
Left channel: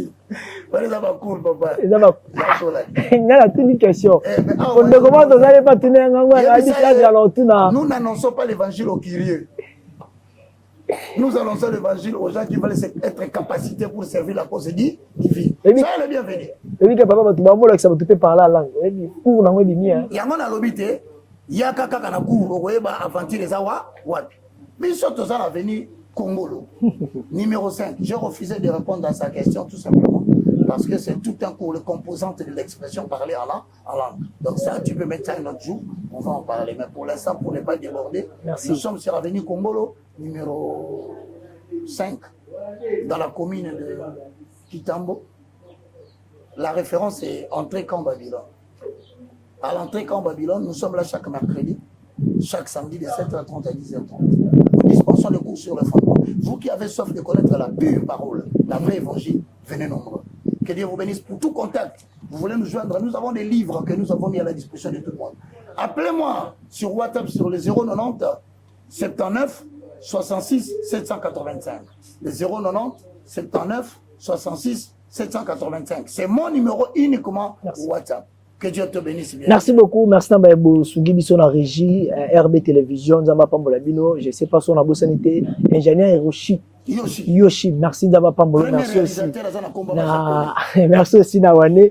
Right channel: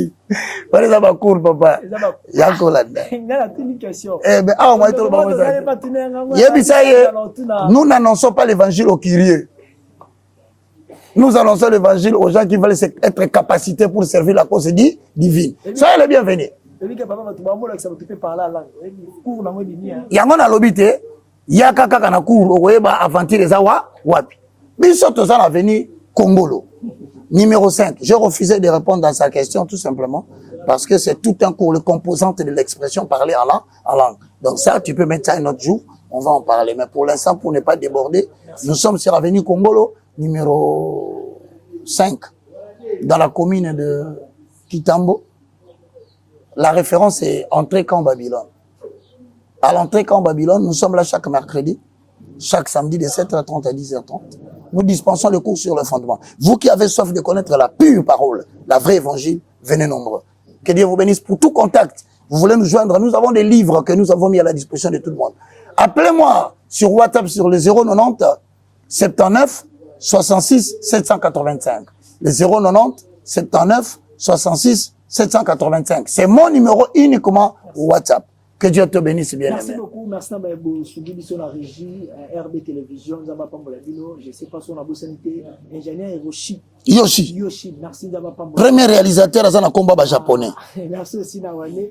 Voilà, ça va court, papa. Il y a une question. Nous n'annonçons pas l'évangile aux curieux. Nous annonçons l'évangile aux gens qui veulent être capacités pour servir la cause divine. Ça, elle est bienvenue. Il y a un lobité, il y a un cours, il y a un aventure, il y a un avenir. Congolo. Numéro 5. J'ai refusé de répondre à sa question tout simplement parce que c'est tout un cours, le composante de l'expression parler en langue. Donc ça, tu peux mettre ça un autre jour, on va en parler. Mais pour l'instant, pour ne pas déborder, nous sommes sur l'avenue Congolo, numéro 5, dans la commune de Kitambo. La référence est Entrée Camp Babylone. À l'entrée Camp Babylone, nous sommes là chaque mercredi, chaque samedi de 7h30 à 10h30. Nous dispensons le cours sur le fondement. Vous qui avez soif de connaître la pure parole, la vraie évangile, venez nombreux. Que Dieu vous bénisse. Pour tout contact, vous voulez nous joindre, nous avons des livres que nous avons mis à la disposition de tout le monde. Appelez-moi sur WhatsApp sur le 090 79 66 785. Le 090 79 66 785. C'est mon numéro uniquement WhatsApp. Que Dieu te bénisse bien. Merci beaucoup. Merci Nambaebo Sugibi son en régie, RB Télévision, Nzamba Pambolabino, je ne sais pas son abossanité, ingénieur Hiroshi. Yoshi. Merci Nzamba Pambolabino. Premier réalisateur à Zana Komba japonais. Merci aussi Nawane.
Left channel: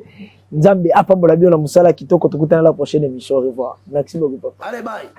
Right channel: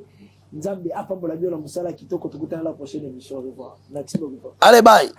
Nzambe Apambolabino na Musala Kitoko, la prochaine émission. Au revoir. Merci beaucoup. Allez, bye.